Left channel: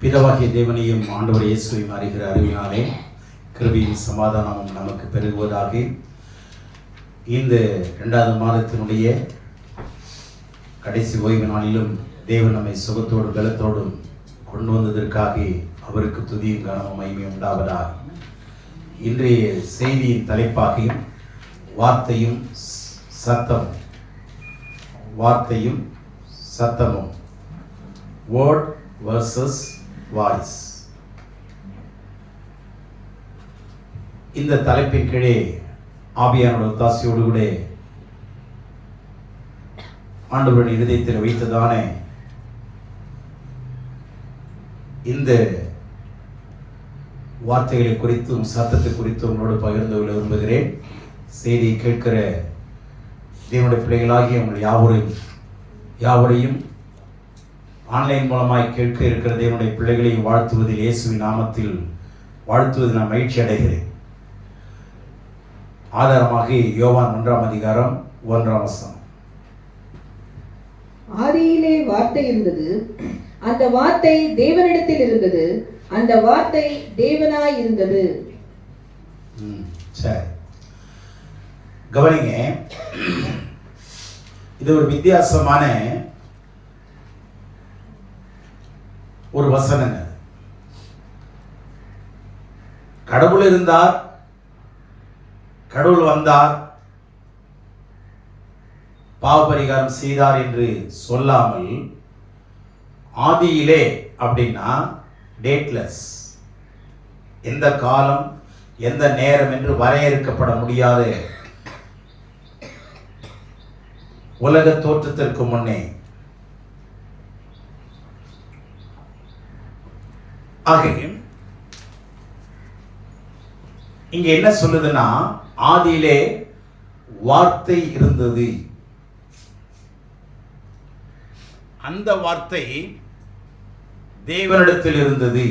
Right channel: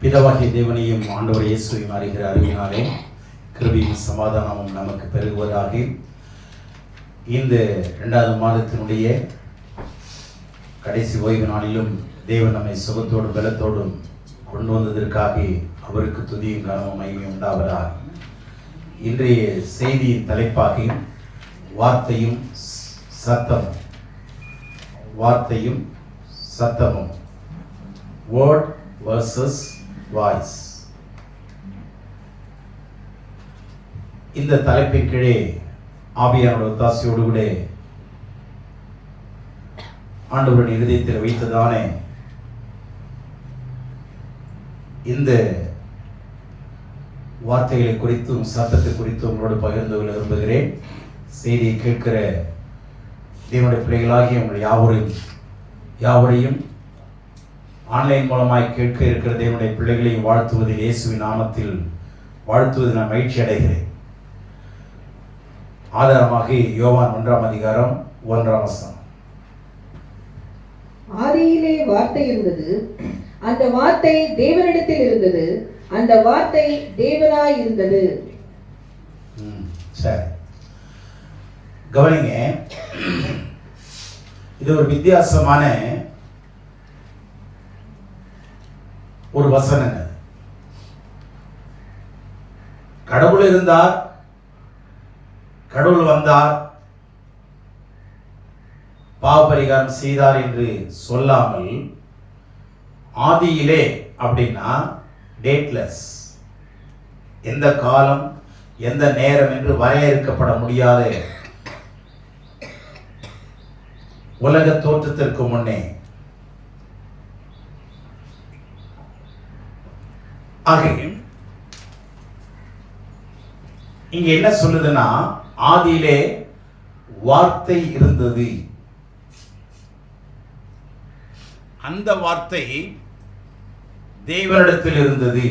பிதாவாகிய தேவனையும் ஆண்டவர் இயேசுவையும் அறிகிற அறிவினாலே கிருபையும் சமாதானமும் நமக்கு பெருகுவதாக. இந்த 2வது மாதத்தினுடைய கடைசி ஓய்வு நாளிலும் தேவன் நம்மை சுகத்தோடும் பலத்தோடும் கொண்டு வந்ததற்காக அவருக்கு துதியும் கனமும் மகிமையும் உண்டாவதாக. இன்றைய செய்தியின் தலைப்பாக வார்த்தையும் சத்தமும் வேர்ட் வர்சஸ் வாய்ஸ். இந்த தலைப்பின் கீழே ஆவியானோட ஒத்தாசையோடு கூட ஆண்டவரின் இருதயத்தில் வைத்ததானே இந்த வார்த்தைகளை குறித்தும் சத்தத்தை குறித்தும் உங்களோடு பகிர்ந்து கொள்ள விரும்புகிறேன். செய்தியை கேட்கிற தேவனுடைய பிள்ளைகளாகிய உங்கள் யாவரையும் ஆன்லைன் மூலமாய் கேட்க இருக்கிற தேவனுடைய பிள்ளைகளையும் வாழ்த்துவதில் இயேசுவின் நாமத்தில் வாழ்த்துவதில் நான் மகிழ்ச்சி அடைகிறேன். ஆதாரமாக யோவான் 1ஆம் அதிகாரம் 1ஆம் வசனம். ஆதியிலே வார்த்தை இருந்தது, அந்த வார்த்தை தேவனிடத்தில் இருந்தது, அந்த வார்த்தை தேவனாய் இருந்தது. சரி, கவனிங்க. இது ஒரு வித்தியாசமான ஒரு வசனங்க. கடவுள் இருந்தார், கடவுள் வந்தார், பாவபரிகாரம் செய்தார் என்று சொல்லாமல் ஆதியிலே அப்படின்னா டேட்லெஸ், எந்த காலம் எந்த நேரம் என்று வரையறுக்கப்பட முடியாத உலக தோற்றத்திற்கு முன்னே. ஆகவே இங்க என்ன சொல்லுதுன்னா, ஆதியிலே வார்த்தை இருந்தது, அந்த வார்த்தை தேவனிடத்தில் இருந்தது,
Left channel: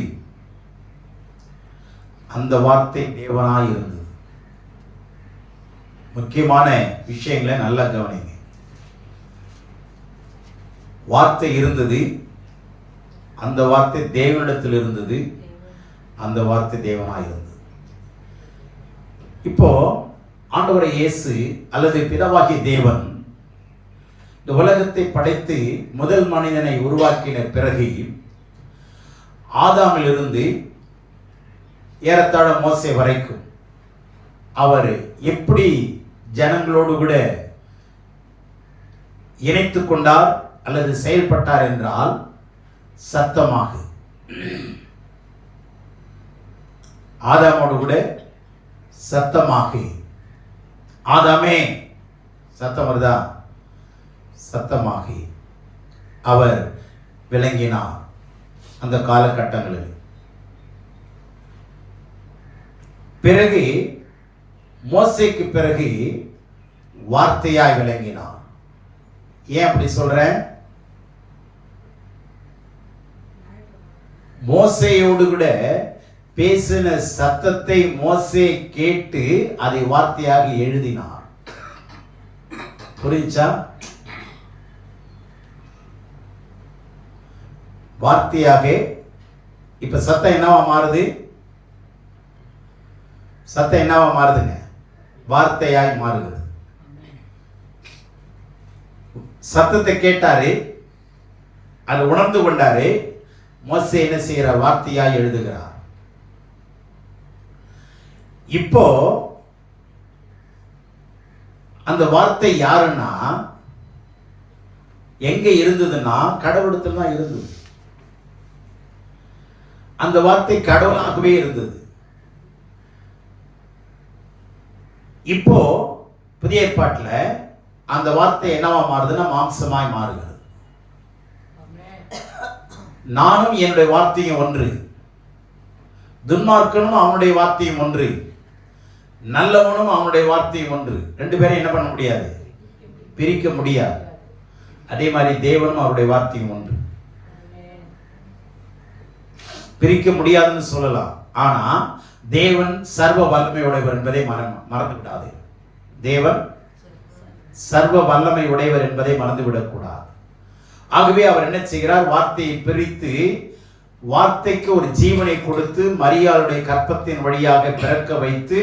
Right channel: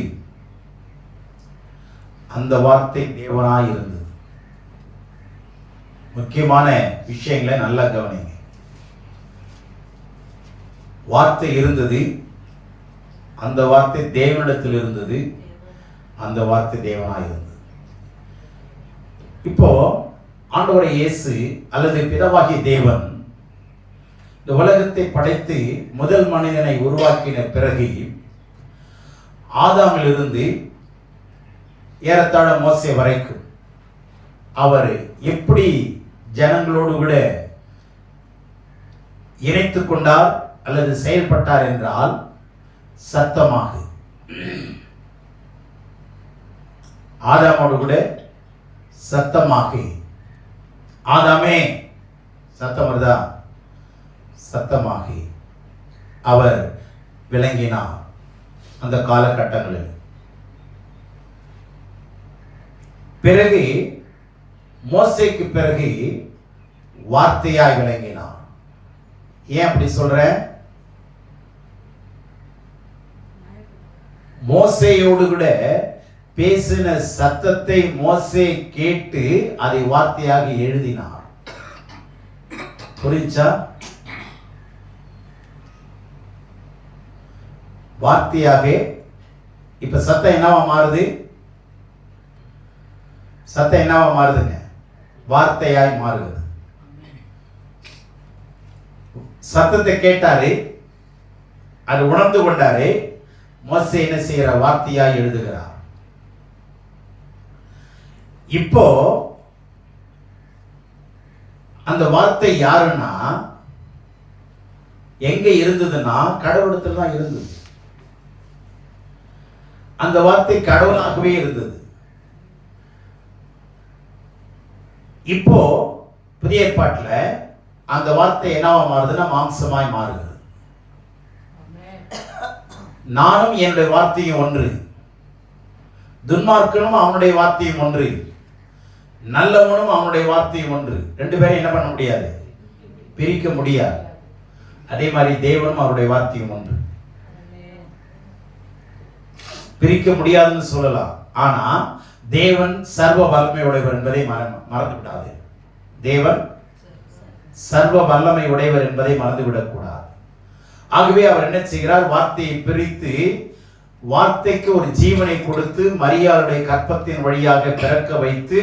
அந்த வார்த்தை தேவனாய் இருந்தது. முக்கியமான விஷயங்களை நல்லா கவனிங்க. வார்த்தை இருந்தது, அந்த வார்த்தை தேவனிடத்தில் இருந்தது, அந்த வார்த்தை தேவனாய் இருந்தது. இப்போ ஆண்டவரை இயேசு அல்லது பிதாவாகிய தேவன் இந்த உலகத்தை படைத்து முதல் மனிதனை உருவாக்கின பிறகு ஆதாமிலிருந்து ஏறத்தாழ மோசே வரைக்கும் அவர் எப்படி ஜனங்களோடு கூட இணைத்துக் கொண்டார் அல்லது செயல்பட்டார் என்றால் சத்தமாக. ஆதாமோடு கூட சத்தமாக. ஆதாமே, சத்தம் வருதா? சத்தமாக அவர் விளங்கினார். அந்த காலகட்டங்களில் பிறகு மோசேக்கு பிறகு வார்த்தையாய் விளங்கினார். ஏன் அப்படி சொல்றேன்? மோசேயோடு கூட பேசின சத்தத்தை மோசே கேட்டு அதை வார்த்தையாக எழுதினார். புரிஞ்சா? வார்த்தையாக. இப்ப சத்தம் என்னவா மாறுது? சத்தம் என்னவா மாறுதுங்க? வார்த்தையாய் மாறுகிறது. சத்தத்தை கேட்டாரு, அது உணர்ந்து கொண்டாரு. மோசே என்ன செய்யற? வார்த்தையாய் எழுதுகிறார். இப்போ அந்த வார்த்தை யாருன்னா எங்க இருந்ததுன்னா கடவுளத்தில் தான் இருந்தது. அந்த வார்த்தை கடவுளாகவே இருந்தது. இப்போ புதிய ஏற்பாட்டில் அந்த வார்த்தை என்னவா மாறுதுன்னா மாம்சமாய் மாறுகிறது. நானும் என்னுடைய வார்த்தையும் ஒன்று, துன்மார்க்கனும் அவனுடைய வார்த்தையும் ஒன்று, நல்லவனும் அவனுடைய வார்த்தையும் ஒன்று. ரெண்டு பேரும் என்ன பண்ண முடியாது? பிரிக்க முடியாது. அதே மாதிரி தேவனும் அவருடைய வார்த்தையும் ஒன்று. பிரிக்க முடியாதுன்னு சொல்லலாம். ஆனா தேவன் சர்வ வல்லமை உடையவர் என்பதை மறந்து விடாது. தேவன் சர்வ வல்லமை உடையவர் என்பதை மறந்துவிடக்கூடாது. ஆகவே அவர் என்ன செய்கிறார்? வார்த்தையை பிரித்து வார்த்தைக்கு ஒரு ஜீவனை கொடுத்து மரியாளுடைய கற்பத்தின் வழியாக பிறக்க வைத்து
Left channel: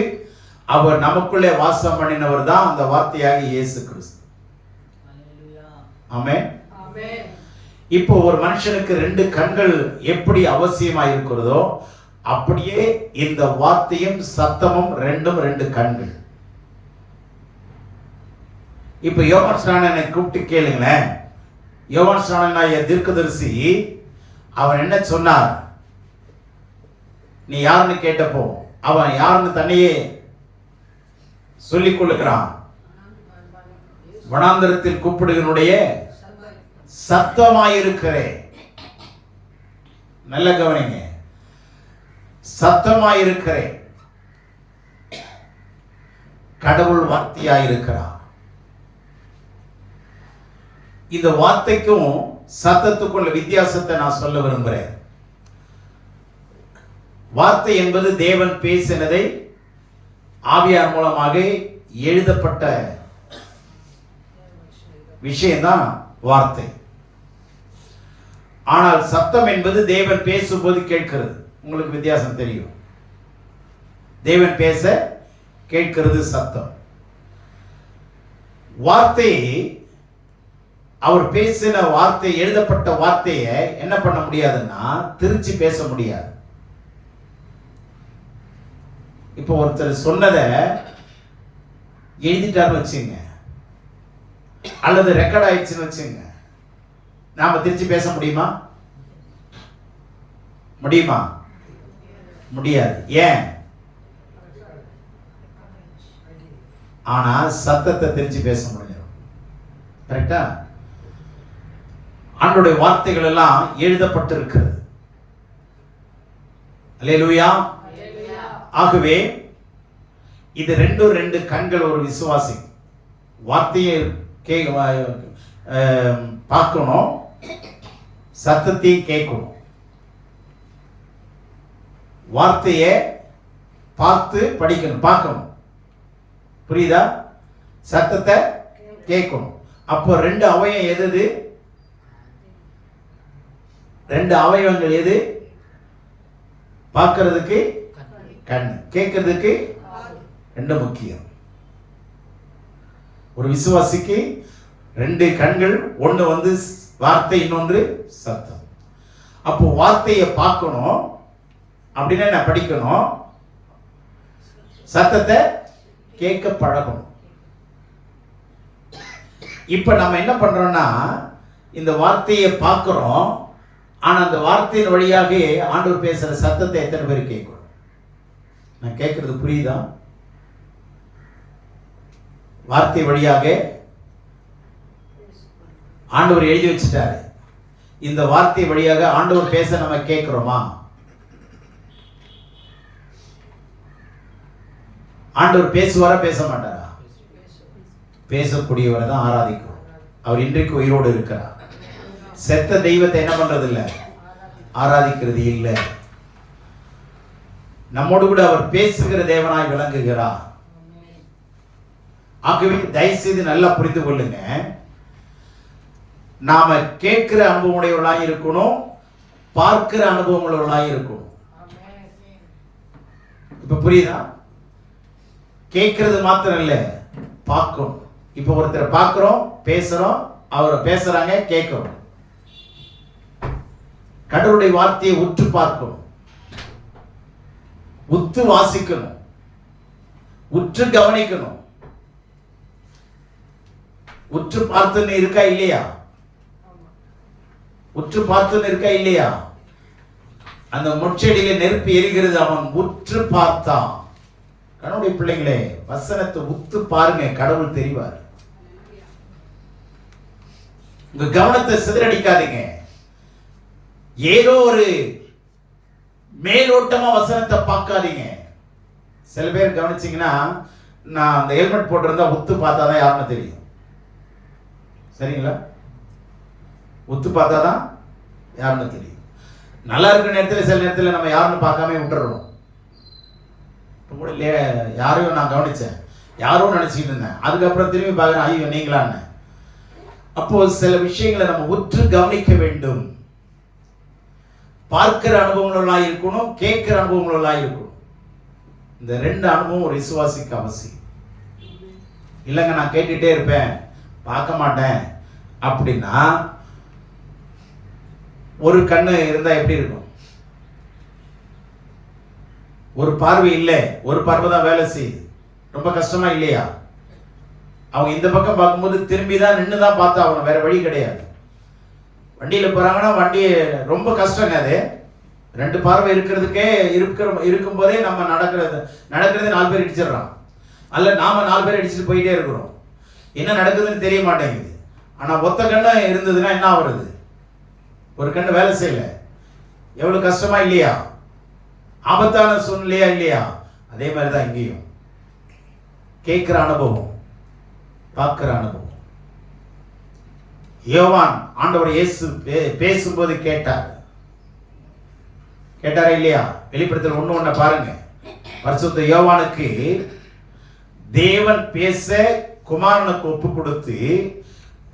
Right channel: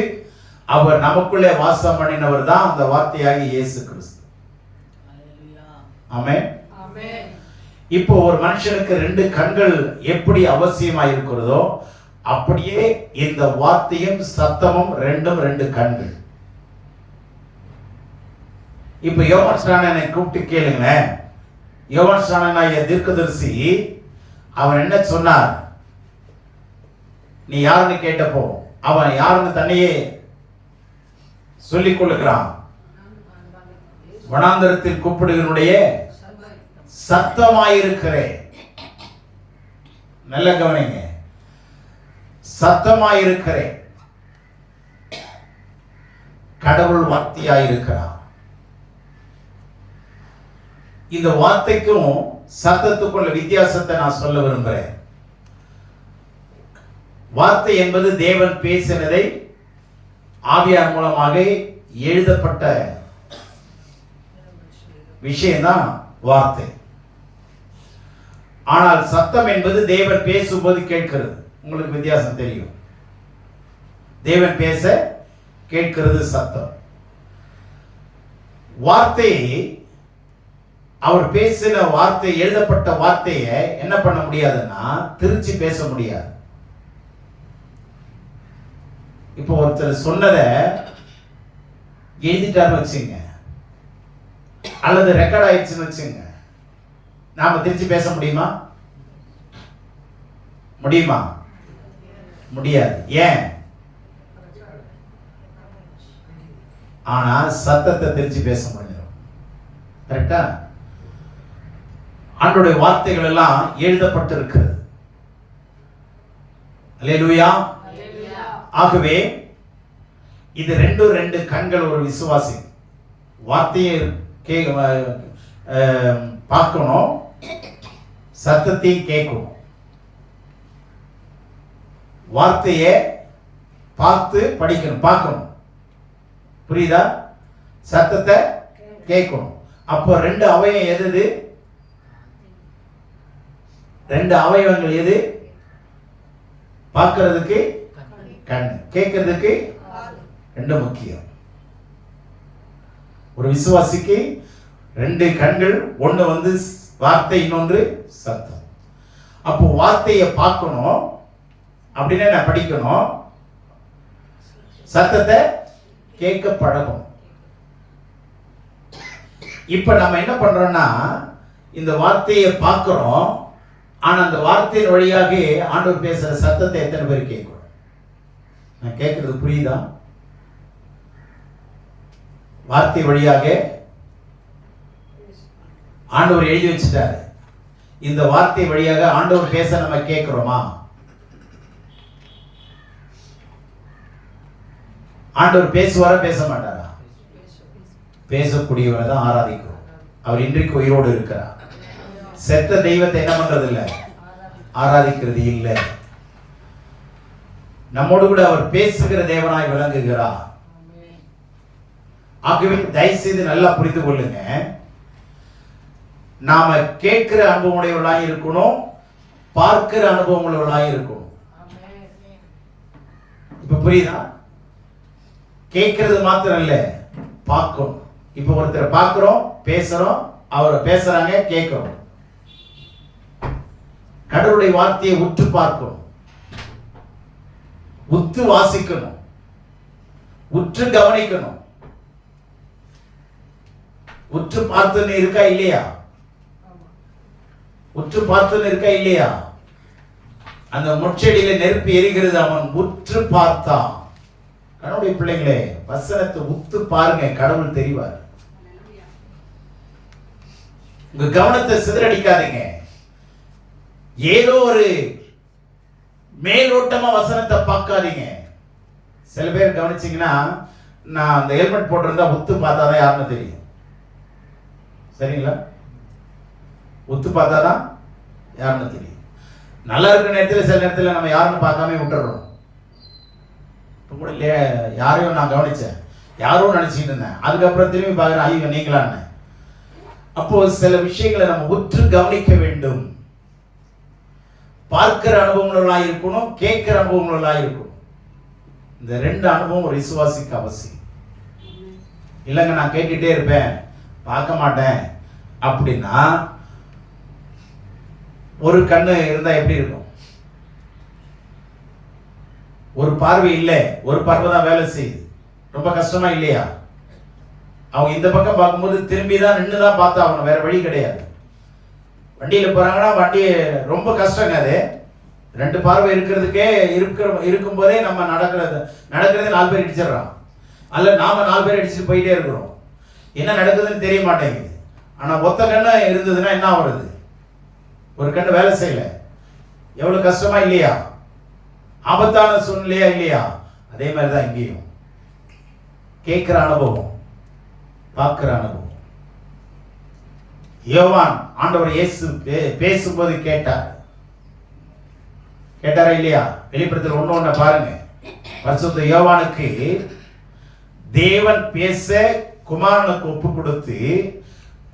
அவர் நமக்குள்ளே வாசம் பண்ணினவர் தான் அந்த வார்த்தையாகிய இயேசு கிறிஸ்து. ஆமென். இப்போ ஒரு மனுஷனுக்கு 2 கண்கள் எப்படி அவசியமா இருக்கிறதோ அப்படியே இந்த வார்த்தையும் சத்தமும் 2 கண்கள். இப்ப யோவான் ஸ்நானனை கூப்பிட்டு கேளுங்களேன். யோவான் ஸ்நானனாகிய தீர்க்கதரிசி அவன் என்ன சொன்னார்? நீ யாருன்னு கேட்டப்போ அவன் யாருன்னு தன்னையே சொல்லிக் கொள்ளுகிறான். வனாந்தரத்தில் கூப்பிடுவனுடைய சத்தமாயிருக்கிறேன். நல்ல கவனிங்க, சத்தமாயிருக்கிறேன். கடவுள் வார்த்தையாயிருக்கிறார். இந்த வார்த்தைக்கும் சத்தத்துக்குள்ள வித்தியாசத்தை நான் சொல்ல விரும்புகிறேன். வார்த்தை என்பது தேவன் பேசினதை ஆவியார் மூலமாக எழுதப்பட்ட விஷயம்தான் வார்த்தை. ஆனால் சத்தம் என்பது தேவன் பேசும்போது கேட்கிறது. உங்களுக்கு வித்தியாசம் தெரியும். தேவன் பேச கேட்கிறது சத்தம். வார்த்தை, அவர் பேசின வார்த்தை, எழுதப்பட்ட வார்த்தையை என்ன பண்ண முடியாதுன்னா திருச்சி பேச முடியாது. இப்போ ஒருத்தர் சொன்னதை எழுதிட்டாருன்னு வச்சுங்க, அல்லது ரெக்கார்ட் ஆயிடுச்சுன்னு வச்சுங்க, நாம திருச்சி பேச முடியுமா? முடியுமா? முடியாது. ஏன்? ஆனா சத்தத்தை திருச்சி பேச முடியும். கரெக்டா? ஆண்டவருடைய வார்த்தைகள் எல்லாம் எழுதப்பட்டிருக்கிறது. அல்லேலூயா. ஆகவே இது 2 கண்கள் ஒரு விசுவாசி. வார்த்தையை பார்க்கணும், சத்தத்தையும் கேட்கணும். வார்த்தையை பார்த்து படிக்கணும், பார்க்கணும். புரியுதா? சத்தத்தை கேட்கணும். அப்போ 2 அவயம் எது? 2 அவயவங்கள் எது? பார்க்கிறதுக்கு கண், கேட்கிறதுக்கு 2 முக்கியம். ஒரு விசுவாசிக்கு 2 கண்கள், ஒன்று வந்து வார்த்தை, இன்னொன்று சத்தம். அப்போ வார்த்தையை பார்க்கணும் அப்படின்னா நான் படிக்கணும், சத்தத்தை கேட்க பழகணும். இப்ப நம்ம என்ன பண்றோம்னா இந்த வார்த்தையை பார்க்கிறோம், ஆனா அந்த வார்த்தையின் வழியாக ஆண்டவர் பேசுற சத்தத்தை எத்தனை பேர் கேட்கணும்? நான் கேட்கறது புரியுதா? வார்த்தை வழியாக ஆண்டவர் எழுதி வச்சுட்டாரு. இந்த வார்த்தை வழியாக ஆண்டவர் பேச நம்ம கேட்கிறோமா? ஆண்டவர் பேசுவாரா பேச மாட்டாரா? பேசக்கூடியவரை தான் ஆராதிக்கிறோம். அவர் இன்றைக்கு உயிரோடு இருக்கிறார். செத்த தெய்வத்தை என்ன பண்றது இல்லை, ஆராதிக்கிறது இல்லை. நம்மோடு கூட அவர் பேசுகிற தேவனாய் விளங்குகிறார். ஆகவே தயவு செய்து நல்லா புரிந்து கொள்ளுங்க, நாம கேட்கிற அனுபவமுடையவர்களாக இருக்கணும், பார்க்கிற அனுபவமுடையவர்களாக இருக்கணும். இப்ப புரியுதா? கேட்கறது மாத்திரம் இல்ல, பார்க்கணும். இப்ப ஒருத்தரை பார்க்கிறோம், பேசுறோம், அவர் பேசுறாங்க, கேட்கிறோம். கடவுளுடைய வார்த்தையை உற்று பார்க்கணும், உற்று வாசிக்கணும், உற்று கவனிக்கணும். உற்று பார்த்துன்னு இருக்கா இல்லையா? உற்று பார்த்துன்னு இருக்கா இல்லையா? அந்த முட்செடியில நெருப்பு எரிகிறது, அவன் உற்று பார்த்தான். கடவுளுடைய பிள்ளைங்களே, வசனத்தை உத்து பாருங்க, கடவுள் தெரிவார். உங்க கவனத்தை சிதறடிக்காதீங்க. ஏதோ ஒரு மேலோட்டமா வசனத்தை பார்க்காதீங்க. சில பேர் கவனிச்சீங்கன்னா, நான் அந்த ஹெல்மெட் போட்டிருந்தா உத்து பார்த்தாதான் யாருன்னு தெரியும். சரிங்களா? உத்து பார்த்தாதான் யாருன்னு தெரியும். நல்லா இருக்கிற நேரத்தில் சில நேரத்தில் நம்ம யாருன்னு பார்க்காம விட்டுறோம். இப்போ கூட யாரையும் நான் கவனிச்சேன், யாரும் நினைச்சிட்டு இருந்தேன், அதுக்கப்புறம் திரும்பி பார்க்குறேன், ஐயோ நீங்களான்னு. அப்போ சில விஷயங்களை நம்ம உற்று கவனிக்க வேண்டும். பார்க்கிற அனுபவங்களாக இருக்கணும், கேட்கிற அனுபவங்களாக இருக்கணும். இந்த ரெண்டு அனுபவம் ஒரு விசுவாசிக்கு அவசியம். இல்லைங்க நான் கேட்டுட்டே இருப்பேன் பார்க்க மாட்டேன் அப்படின்னா ஒரு கண்ணு இருந்தா எப்படி இருக்கும்? ஒரு பார்வை இல்லை, ஒரு பார்வை தான் வேலை செய்யுது. ரொம்ப கஷ்டமா இல்லையா? அவங்க இந்த பக்கம் பார்க்கும்போது திரும்பி தான் நின்று தான் பார்த்தா அவங்க, வேற வழி கிடையாது. வண்டியில் போறாங்கன்னா வண்டி ரொம்ப கஷ்டங்க. அது ரெண்டு பார்வை இருக்கிறதுக்கே இருக்கும்போதே நம்ம நடக்கிறது 4 பேர் இடிச்சிடறான், அல்ல நாம 4 பேர் அடிச்சுட்டு போயிட்டே இருக்கிறோம். என்ன நடக்குதுன்னு தெரிய மாட்டேங்குது. ஆனா ஒத்த கண்ணு இருந்ததுன்னா என்ன ஆகுறது? ஒரு கண்ணு வேலை செய்யல, எவ்வளவு கஷ்டமா இல்லையா? ஆபத்தான சூழ்நிலையா இல்லையா? அதே மாதிரிதான் இங்கேயும் கேட்கிற அனுபவம், பார்க்கிற அனுபவம். யோவான் ஆண்டவர் இயேசு பேசும்போது கேட்டாரா இல்லையா? வெளிப்படுத்தல் 1:1 பாருங்க. பரிசுத்த யோவானுக்கு தேவன் பேச குமாரனுக்கு ஒப்பு கொடுத்து,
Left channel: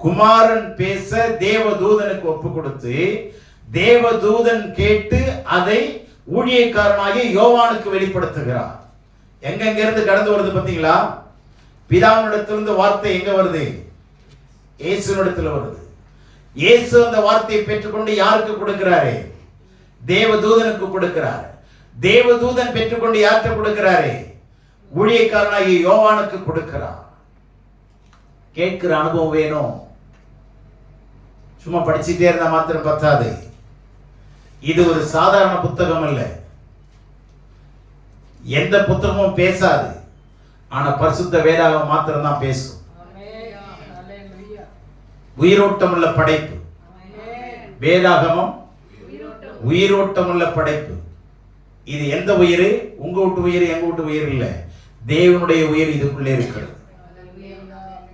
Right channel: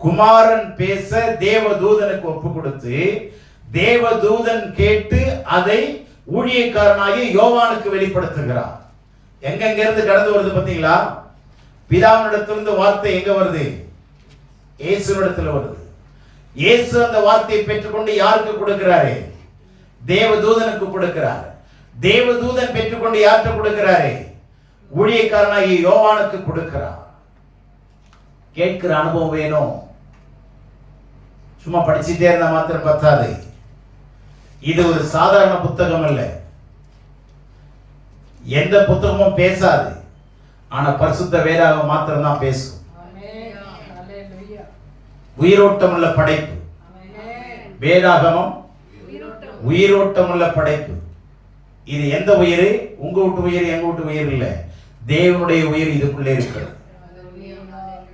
குமாரன் பேச தேவதூதனுக்கு ஒப்பு கொடுத்து, தேவதூதன் கேட்டு அதை ஊழியக்காரனாகி யோவானுக்கு வெளிப்படுத்துகிறார். எங்க இருந்து கடந்து வருது பாத்தீங்களா? பிதாவினிடத்திலிருந்து வார்த்தை எங்க வருது? இயேசுவினிடத்தில் வருது. இயேசு அந்த வார்த்தையை பெற்றுக்கொண்டு யாருக்கு கொடுக்கிறாரு? தேவதூதனுக்கு கொடுக்கிறார். தேவதூதன் பெற்றுக்கொண்டு யாருக்கு கொடுக்கிறாரு? ஊழியக்காரனாகி யோவானுக்கு கொடுக்கிறார். கேட்கிற அனுபவம் வேணும். சும்மா படிச்சுட்டே இருந்தா மாத்திரம் பத்தாது. இது ஒரு சாதாரண புத்தகம் அல்ல. எந்த புத்தகமும் பேசாது, ஆனா பரிசுத்த வேதாகம் மாத்திரம் தான் பேசும். உயிரோட்டம் உள்ள படைப்பு வேதாகமம், உயிரோட்டம் உள்ள படைப்பு. இது எந்த உயிர்? உங்க வீட்டு உயிர், எங்க வீட்டு உயிர் இல்ல, தேவனுடைய உயிர் இதுக்குள்ளே இருக்கிறது.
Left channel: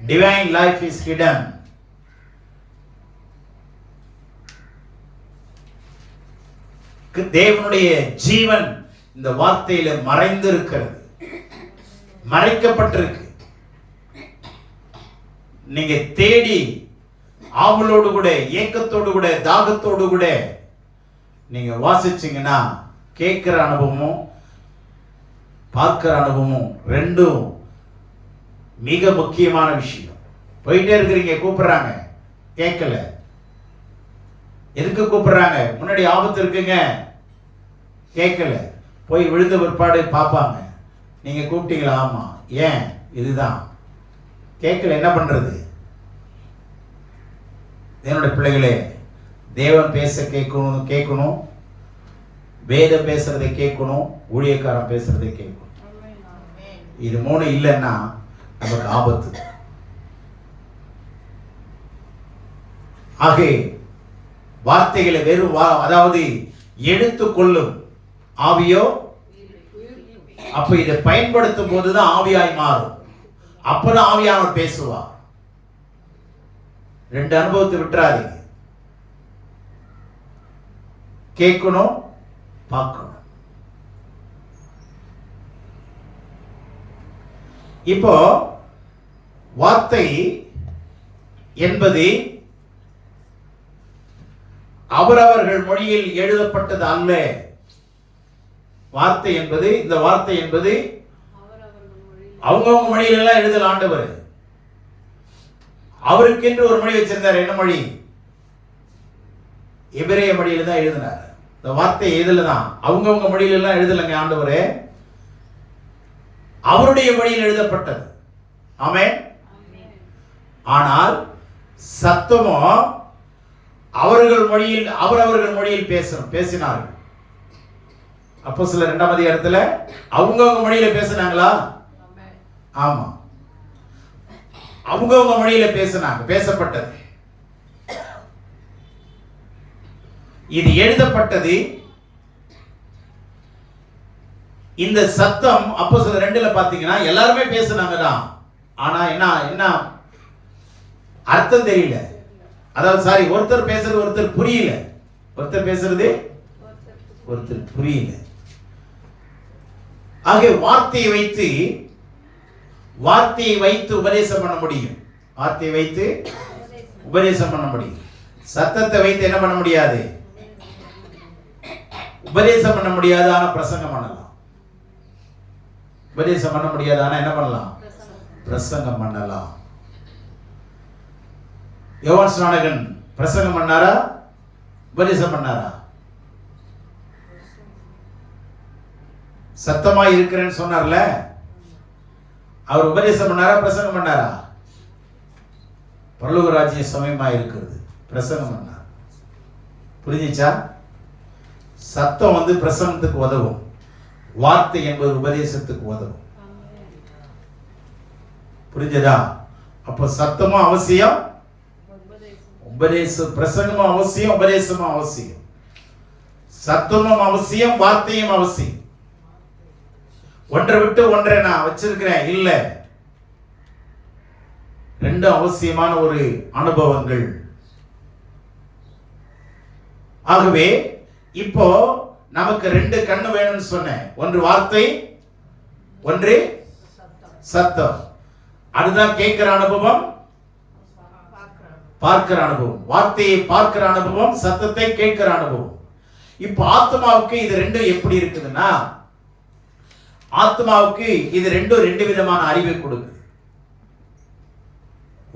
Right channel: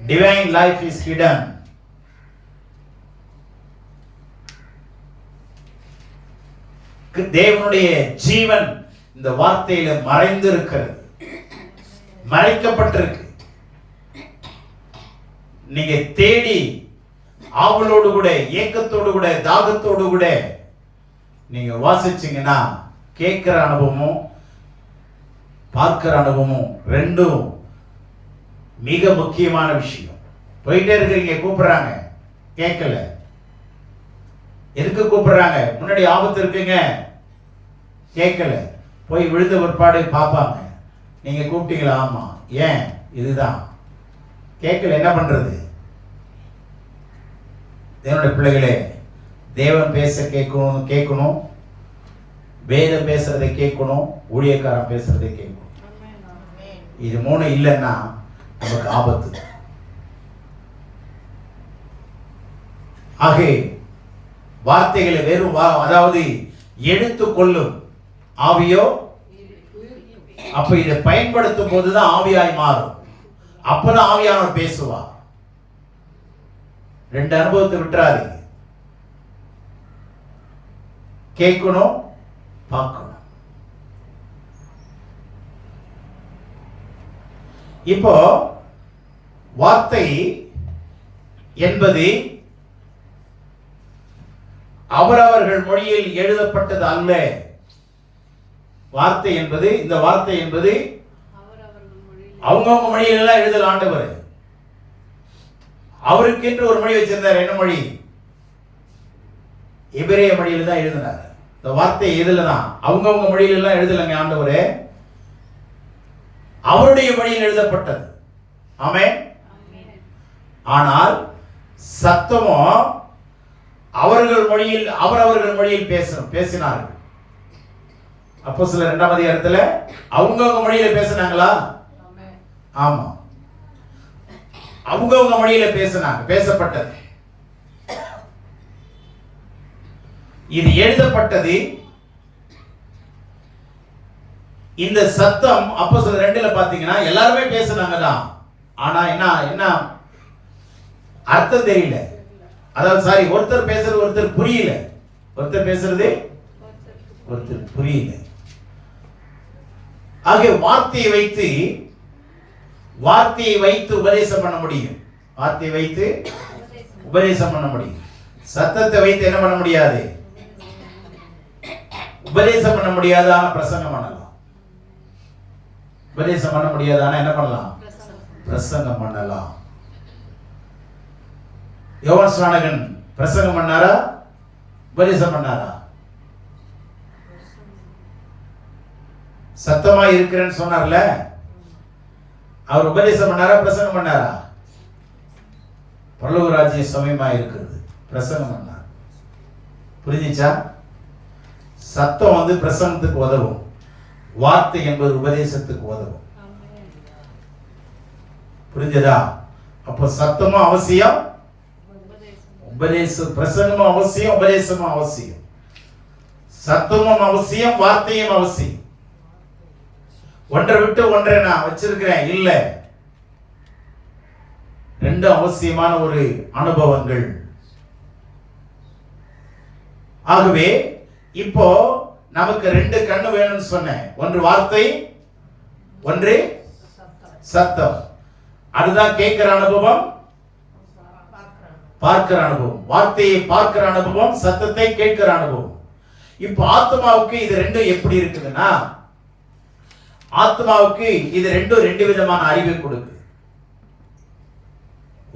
Divine life is hidden. தேவனுடைய ஜீவன் இந்த வார்த்தையில மறைந்து இருக்கிறது, மறைக்கப்பட்டிருக்கு. நீங்க தேடி ஆவலோடு கூட, ஏக்கத்தோடு கூட, தாகத்தோடு கூட நீங்க வாசிச்சீங்கன்னா கேட்கிற அனுபவமும் பார்க்கிற அனுபவமும் ரெண்டும் மிக முக்கியமான விஷயம். போயிட்டே இருக்கிறீங்க, கூப்பிடுறாங்க, கேட்கல. எதுக்கு கூப்பிடுறாங்க? முன்னாடி ஆபத்து இருக்குங்க, கேட்கல. போய் விழுந்த பிற்பாடு பார்ப்பாங்க, நீங்க கூப்பிட்டீங்களா? ஆமா. ஏன்? இதுதான். கேட்கல, என்ன பண்றது? தேவனுடைய பிள்ளைகளே, தேவன் பேச கேட்கணும், வேதம் பேசுறதை கேட்கணும், ஊழியக்காரன் பேசுறதை கேட்கணும். இது 3 இல்லைன்னா நமக்கு ஆபத்து. ஆக வார்த்தைகளை வெறும் அதாவது எடுத்துக்கொள்ளும் ஆவியோ, அப்ப இதை பயன்படுத்தும் போதுதான் ஆவியாய் மாறும். அப்பதான் ஆவியானவர் பேசுவார். 2 அனுபவத்தை விட்டுறாதீங்க. கேட்கணும், பார்க்கணும். இப்போ வார்த்தை என்பது அவரவர்கள் மொழியில் எழுதப்பட்டது அல்ல. வார்த்தை என்பது, இந்த வார்த்தை என்பது அவங்கவுங்க மொழியில எல்லாம் எழுதல. ஆண்டவர் அவருக்கென்று ஒரு மொழி வச்சிருந்தார். என்ன மொழி? எபிரேய மொழியில தான் எழுதினார். இந்த வார்த்தை எதுல தான்? அவங்கவுங்க மொழியில எல்லாம் எழுதலைங்க. ஆண்டவரே அவருடைய மொழியில் எழுதப்பட்டது. ஆமென். ஆனால் சத்தமோ அவர்கள் மொழியில், அவரவர்கள் மொழியில் பேசினார்கள். அப்போஸ்தலர் 2ஆம் அதிகாரத்துல அவங்கவங்க மொழியில பேசினாங்களா? ஆமா, அவங்கவங்க மொழியில பேசப்பட்டது. இது எழுதப்பட்டது. இந்த சத்தம் அப்போஸ்தலர் 2ல பாத்தீங்கன்னா எல்லாருமே பேசினாங்க தான். ஆனா என்ன அர்த்தம் தெரியல. அதாவது ஒருத்தர் பேசுறது ஒருத்தர் புரியல. ஒருத்தர் பேசுறது ஒருத்தர் புரியல. ஆக வார்த்தையை வைத்து உபதேசம் பண்ண முடியும். வார்த்தையை வைத்து உபதேசம் பண்ண முடியும். சத்தத்தை வைத்து என்ன பண்ண முடியாது? உபதேசம் பண்ண முடியாது, ஆனா பிரசங்கம் பண்ணலாம். உபதேசம் பண்ண முடியாது, ஆனா என்ன பண்ணலாம்? பிரசங்கம் பண்ணலாம். யோவான் ஸ்நானகன் பிரசங்கம் பண்ணாரா, உபதேசம் பண்ணாரா? சத்தமா இருக்கிறேன்னு சொன்னார்ல, அவர் உபதேசம் பண்ணாரா, பிரசங்கம் பண்ணாரா? பரலோக ராஜ்யம் சமயமா இருக்கிறது, பிரசங்கம் பண்ணார். புரிஞ்சுச்சா? சத்தம் வந்து பிரசங்கத்துக்கு உதவும், வார்த்தை என்பது உபதேசத்துக்கு உதவும். புரிஞ்சதா? அப்ப சத்தமும் அவசியம், உபதேசம் பிரசங்கமும் அவசியம், உபதேசமும் அவசியம். சத்தமும் அவசியம், வார்த்தையும் அவசியம். ஒன்றை விட்டு ஒன்றை நான் வச்சிருக்கிறேன் இல்ல, ரெண்டு அவசியமான ஒரு அனுபவங்கள். ஆகவே இப்போ நமக்கு ரெண்டு கண்ணு வேணும்னு சொன்னேன். ஒன்று வார்த்தை, ஒன்று சத்தம். அதுதான் கேட்கிற அனுபவம், பார்க்கிற அனுபவம். வார்த்தையை பார்க்கிற அனுபவம், சத்தத்தை கேட்கிற அனுபவம். இப்போ ஆத்மாவுக்கு இது ரெண்டும் எப்படி இருக்குதுன்னா, ஆத்மாவுக்கு இது ரெண்டும் ரெண்டு விதமான அறிவை கொடுக்குது.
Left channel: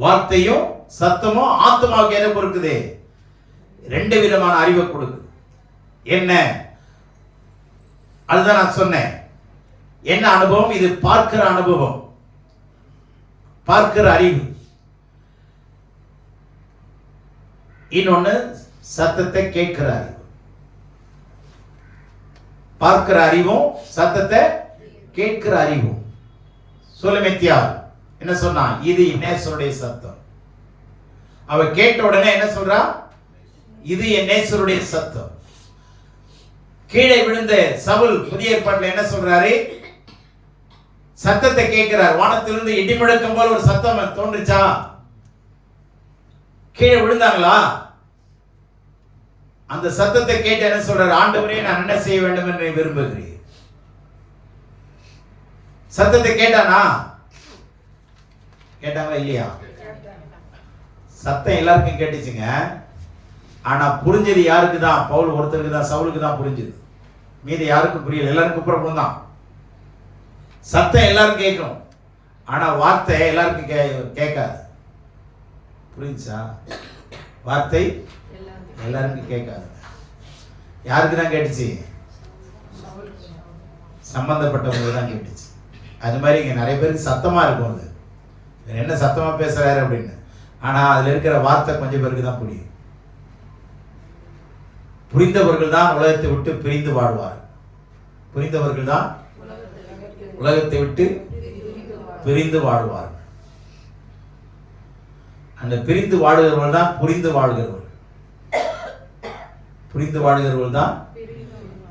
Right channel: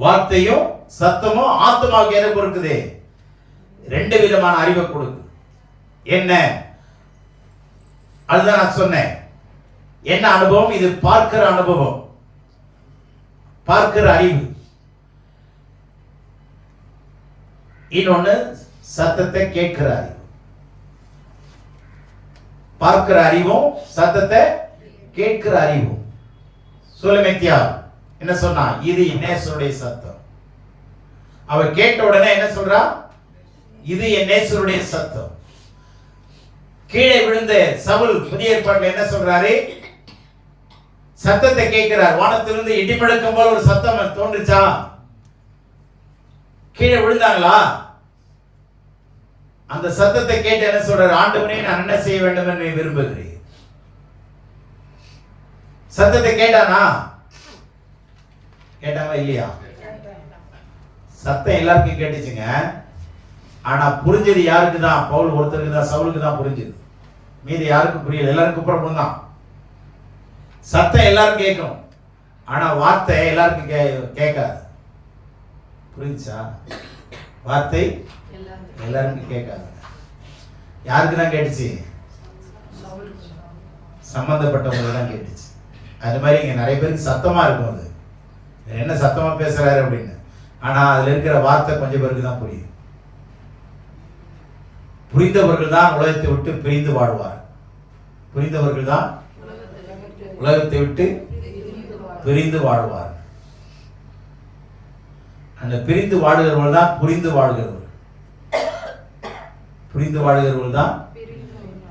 வார்த்தையும் சத்தமும் ஆத்மாவுக்கு எதை கொடுக்குது? ரெண்டு விதமான அறிவை கொடுக்குது. என்ன? அதுதான் நான் சொன்னேன். என்ன அனுபவம்? இது பார்க்கிற அனுபவம், பார்க்கிற அறிவு. இன்னொன்னு சத்தத்தை கேட்கிற அறிவு. பார்க்கிற அறிவும் சத்தத்தை கேட்கிற அறிவும். சொலமெத்தியார் என்ன சொன்னா? இது நேசருடைய சத்தம். அவ கேட்ட உடனே என்ன சொல்றா? இது என் நேசருடைய சத்தம். கீழே விழுந்த சவுல் புதிய ஏற்பாட்டில் என்ன சொல்றாரு? சத்தத்தை கேட்கிறார். வானத்திலிருந்து இடி முழக்கம் போல ஒரு சத்தம் தோன்றுச்சா? கீழே விழுந்தாங்களா? அந்த சத்தத்தை கேட்டு என்ன சொல்றாரு? ஆண்டவரே, நான் என்ன செய்ய வேண்டும் என்று விரும்புகிறேன். சத்தத்தை கேட்டானா? கேட்டாங்களா இல்லையா? சத்தம் எல்லாருக்கும் கேட்டுச்சுங்க. ஆனா புரிஞ்சது யாருக்கு தான்? பவுல் ஒருத்தருக்கு தான், சவுலுக்கு தான் புரிஞ்சது. மீதி யாருக்கும் புரியல. எல்லாருக்கும் புறப்படும் தான். சத்தம் எல்லாரும் கேட்கும், ஆனா வார்த்தை எல்லாருக்கும் கேட்காது. புரிஞ்சா? வார்த்தை எல்லாருக்கும் கேட்காது. யாருக்கு தான் கேட்டுச்சு? சம்பந்தப்பட்டவங்க தான் கேட்டுச்சு. அது மாதிரி இங்க நிறைய பேருக்கு சத்தமா இருக்கும். அது என்ன சத்தமா பேசுறாரு அப்படின்னு. ஆனா அதுல இருக்கிற வார்த்தை கொஞ்சம் பேருக்கு தான் புரியும். புரிந்தவர்கள் தான் உலகத்தை விட்டு பிரிந்து வாழ்வார். புரிந்தவர்கள் தான் உலகத்தை விட்டு பிரிந்து வாழ்வார். அந்த பிரிந்து வாழுகிறவர்கள் தான் புரிந்து வாழ்கிறவர்கள். புரிந்து வாழ்கிறவர்கள் தான்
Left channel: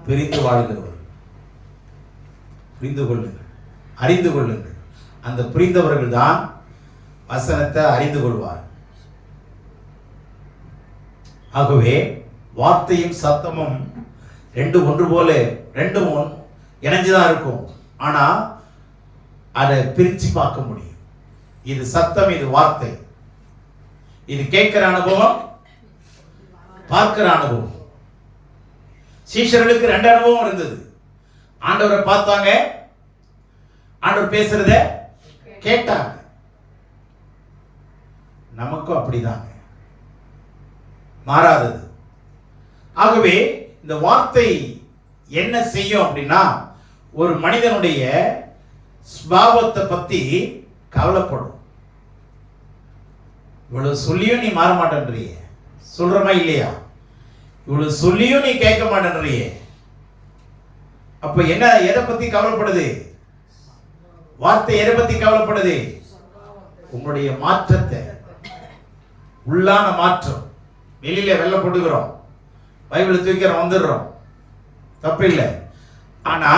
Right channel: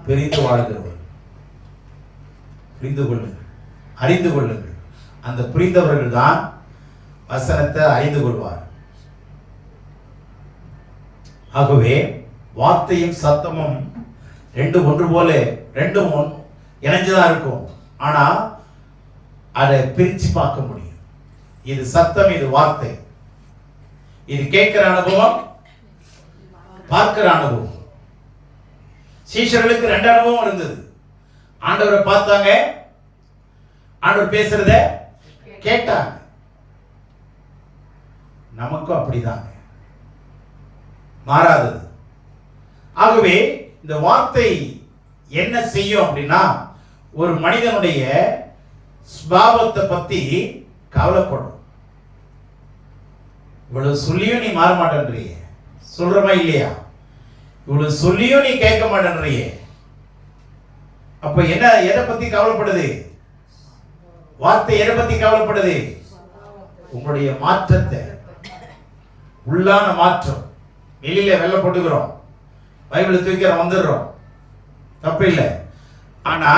பிரிந்து வாழ்கிறவர்கள். புரிந்து கொள்ளுங்கள், அறிந்து கொள்ளுங்கள். அந்த புரிந்தவர்கள் தான் வசனத்தை அறிந்து கொள்வார். ஆகவே வார்த்தையும் சத்தமும் ரெண்டும் ஒன்று போல, ரெண்டும் இணைஞ்சுதான் இருக்கும். ஆனா அதை பிரிச்சு பார்க்க முடியும். இது சத்தம், இது வார்த்தை. இது கேட்கிற அனுபவம், பார்க்கிற அனுபவம். சீஷர்களுக்கு ரெண்டு அனுபவம் இருந்தது. ஆண்டவரை பார்த்தாங்க, ஆண்டவர் பேசுறத கேட்டாங்க. நமக்கும் அப்படிதாங்க, மாறாதது. ஆகவே இந்த வார்த்தை என்ன செய்யும் அப்படின்னா, ஒரு மனிதனுடைய ஸ்வபாவத்தை பத்தி கவலைப்படும். இவ்வளவு சொல்லியும் நீ மாற மாட்டேன்றியே, சொல்றமா இல்லையா? இவ்வளவு சொல்லியும் நீ கேட்க மாட்டேன்றியே. அப்ப என்ன, எதை பத்தி கவலைப்படுது? வார்த்தை எதை பத்தி கவலைப்படுது? உங்களுடைய மாற்றத்தை, உள்ளான மாற்றம். வெளியில வெள்ளை போட்டுக்கிறோம், பைபிளை தூக்கிறோம், வந்துடுறோம், தப்பு இல்லை. ஆனா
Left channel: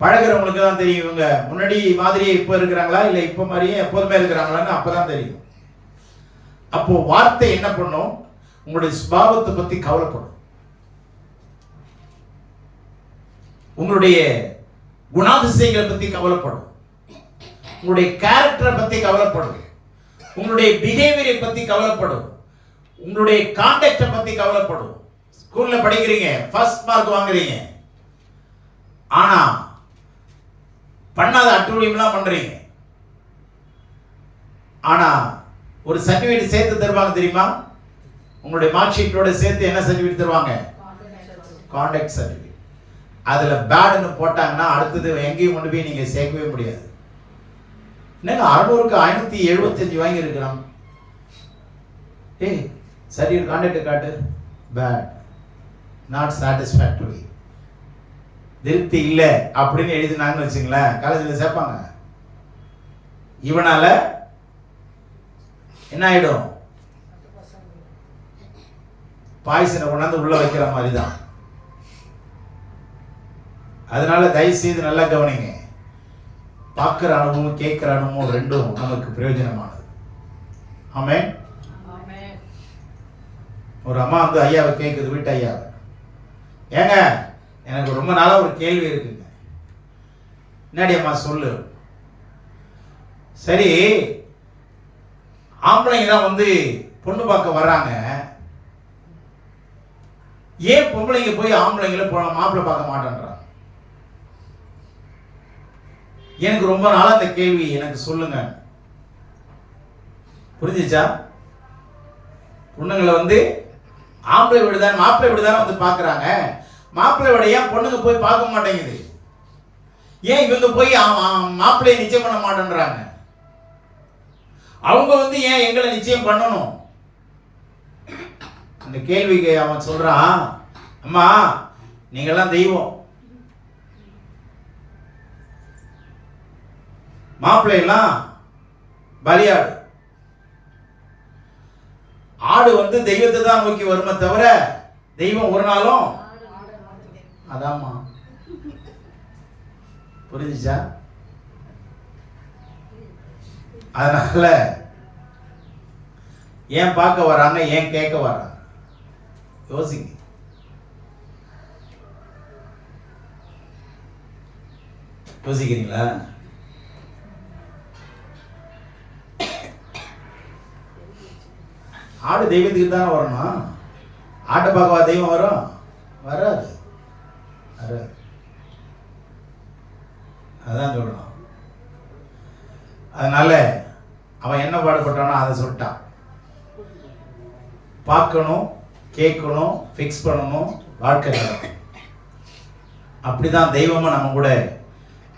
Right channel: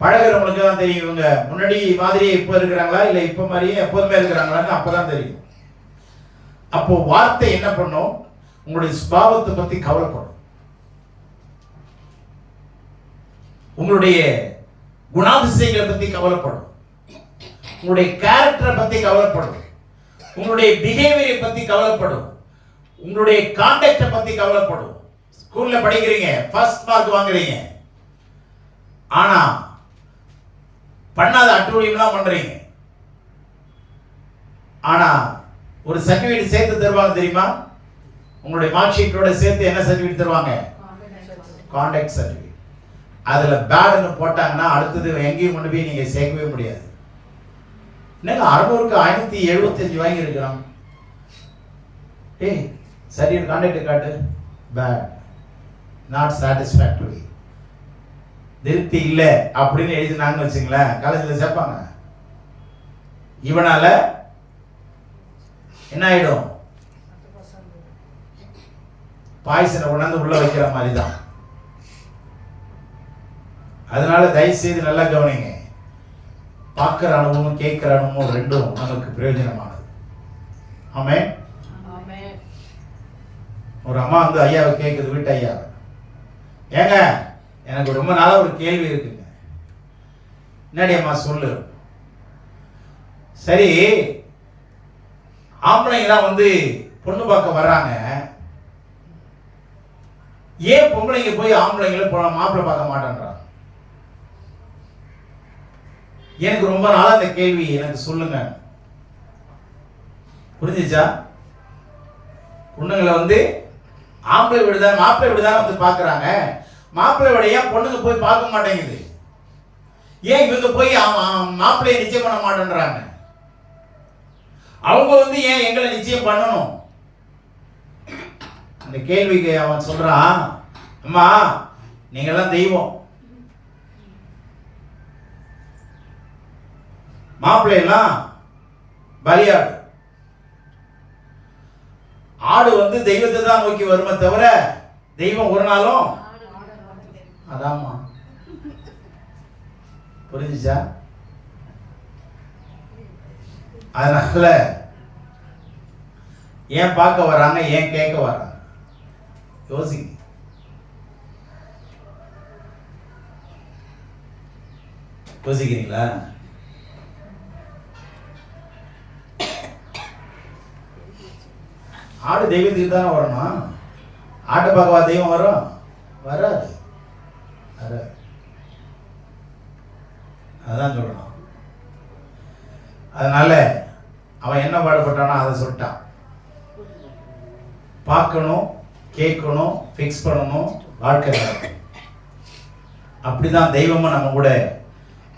பழகிறவங்களுக்கு தான் தெரியும் இவங்க முன்னாடி மாதிரியே இப்ப இருக்கிறாங்களா இல்ல இப்ப மாதிரியே எப்போதுமே இருக்கிறாங்களான்னு அப்பதான் தெரியும். அப்போ வார்த்தை என்ன பண்ணும்? உங்களுடைய சுபாவத்தை பத்தி கவலைப்படும், உங்களுடைய குணாதிசயங்களை பத்தி கவலைப்படும், உங்களுடைய கேரக்டரை பத்தி கவலைப்படும், உங்களுடைய பிஹேவியரை பத்தி கவலைப்படும், உங்களுடைய கான்டாக்டை பத்தி கவலைப்படும். ஸ்கூல்ல படிக்கிறீங்க, ஃபர்ஸ்ட் மார்க் வாங்குறீங்க, ஆனா பண்ணாத அட்டூழியம்லாம் பண்றீங்க. ஆனா ஒரு சர்டிபிகேட் சேர்த்து தருவாங்க தெரியுமா? உங்களுடைய மார்க் ஷீட்டோட சேர்த்து என்ன சர்டிபிகேட் தருவாங்க? Contact certificate. அதுல பேடுன்னு போட்டாங்கன்னா அடுத்தது எங்கேயும் கொண்டு போய் நீங்க சேர்க்கவே முடியாது. என்னங்க 600க்கு 575 வாங்கி இருக்கிறோம். ஏய் சர்டிபிகேட் கான்டாக்ட் காட்டு, பேட், நாட் சாட்டிஸ்ஃபேக்டரி, திருப்தி இல்லை அப்படின்னு எழுதினாங்கன்னு வச்சுங்களேன், காலேஜில் சேர்ப்பாங்க. இவனால என்ன ஆயிடும்? பாய்சனை கொண்டாந்து உள்ள வைக்கிற மாதிரி தான். அதனால தயவு செய்து நல்லா கவனிங்க. பார்க்கிற அனுபவமும் கேட்கிற அனுபவமும் ரெண்டும் நமக்கு பிரயோஜனமானது. ஆமென். ஒரு அம்மா வந்து ஐயாவை கேட்குது, வீட்டு ஐயாவை, ஏங்க எனக்கு ரொம்ப நாளா ஒரு கேள்வி இருக்குங்க. என்னடி அம்மா சொல்லு. சரி, ஆம்பளைங்க தான் வந்து பொண்ணு பார்க்க வர்றாங்க, ஏன் பொம்பளைங்க போய் ஆம்பளைங்களை மாப்பிள்ளை பார்க்க மாட்டேன்றாங்க? எனக்கு ரொம்ப நாளா இந்த கேள்வி, எனக்கு சொல்லுங்க. புரிஞ்சுச்சா? பொண்ணுங்களை வந்து ஆம்பளை வீடுதான் மாப்பிள்ளை வீடுதானே வந்து பார்க்குறாங்க, மாப்பிள்ளை வீட ஏன் பொண்ணுங்க போய் பார்க்க மாட்டேங்குது? ஏன் இவங்க போய் மாப்பிள்ளையை நிச்சயம் பண்ண மாட்டேன்றாங்க? அவங்க வந்து ஏன் எங்களை நிச்சயம் பண்ணணும்? அந்த கேள்விக்கு அவன் சொல்றான், அம்மா நீங்கெல்லாம் தெய்வம், மாப்பிள்ளையெல்லாம் பலியாடு. ஆடு வந்து தெய்வத்தை தான் நோக்கி வருமே தவிர தெய்வம் ஒரு நாளும் அதாம்மா. புரிஞ்சுச்சா? அதனால ஏன் பார்க்க வராங்க, ஏன் கேட்க வராங்க? யோசிங்க. யோசிக்கிறீங்களா? ஆடு தெய்வத்துக்கு தானே வரணும். ஆட்டை பார்க்கவா தெய்வம் வரும்? வராது. அதான் சொல்லணும். அதனால அவன் என்ன பாடுபட்டானோ அதை சொல்லிட்டான். பார்க்கணும், கேட்கணும், ஃபிக்ஸ் பண்ணணும், வாழ்க்கை நடக்கும். அப்படிதான் தெய்வமா நம்ம கூட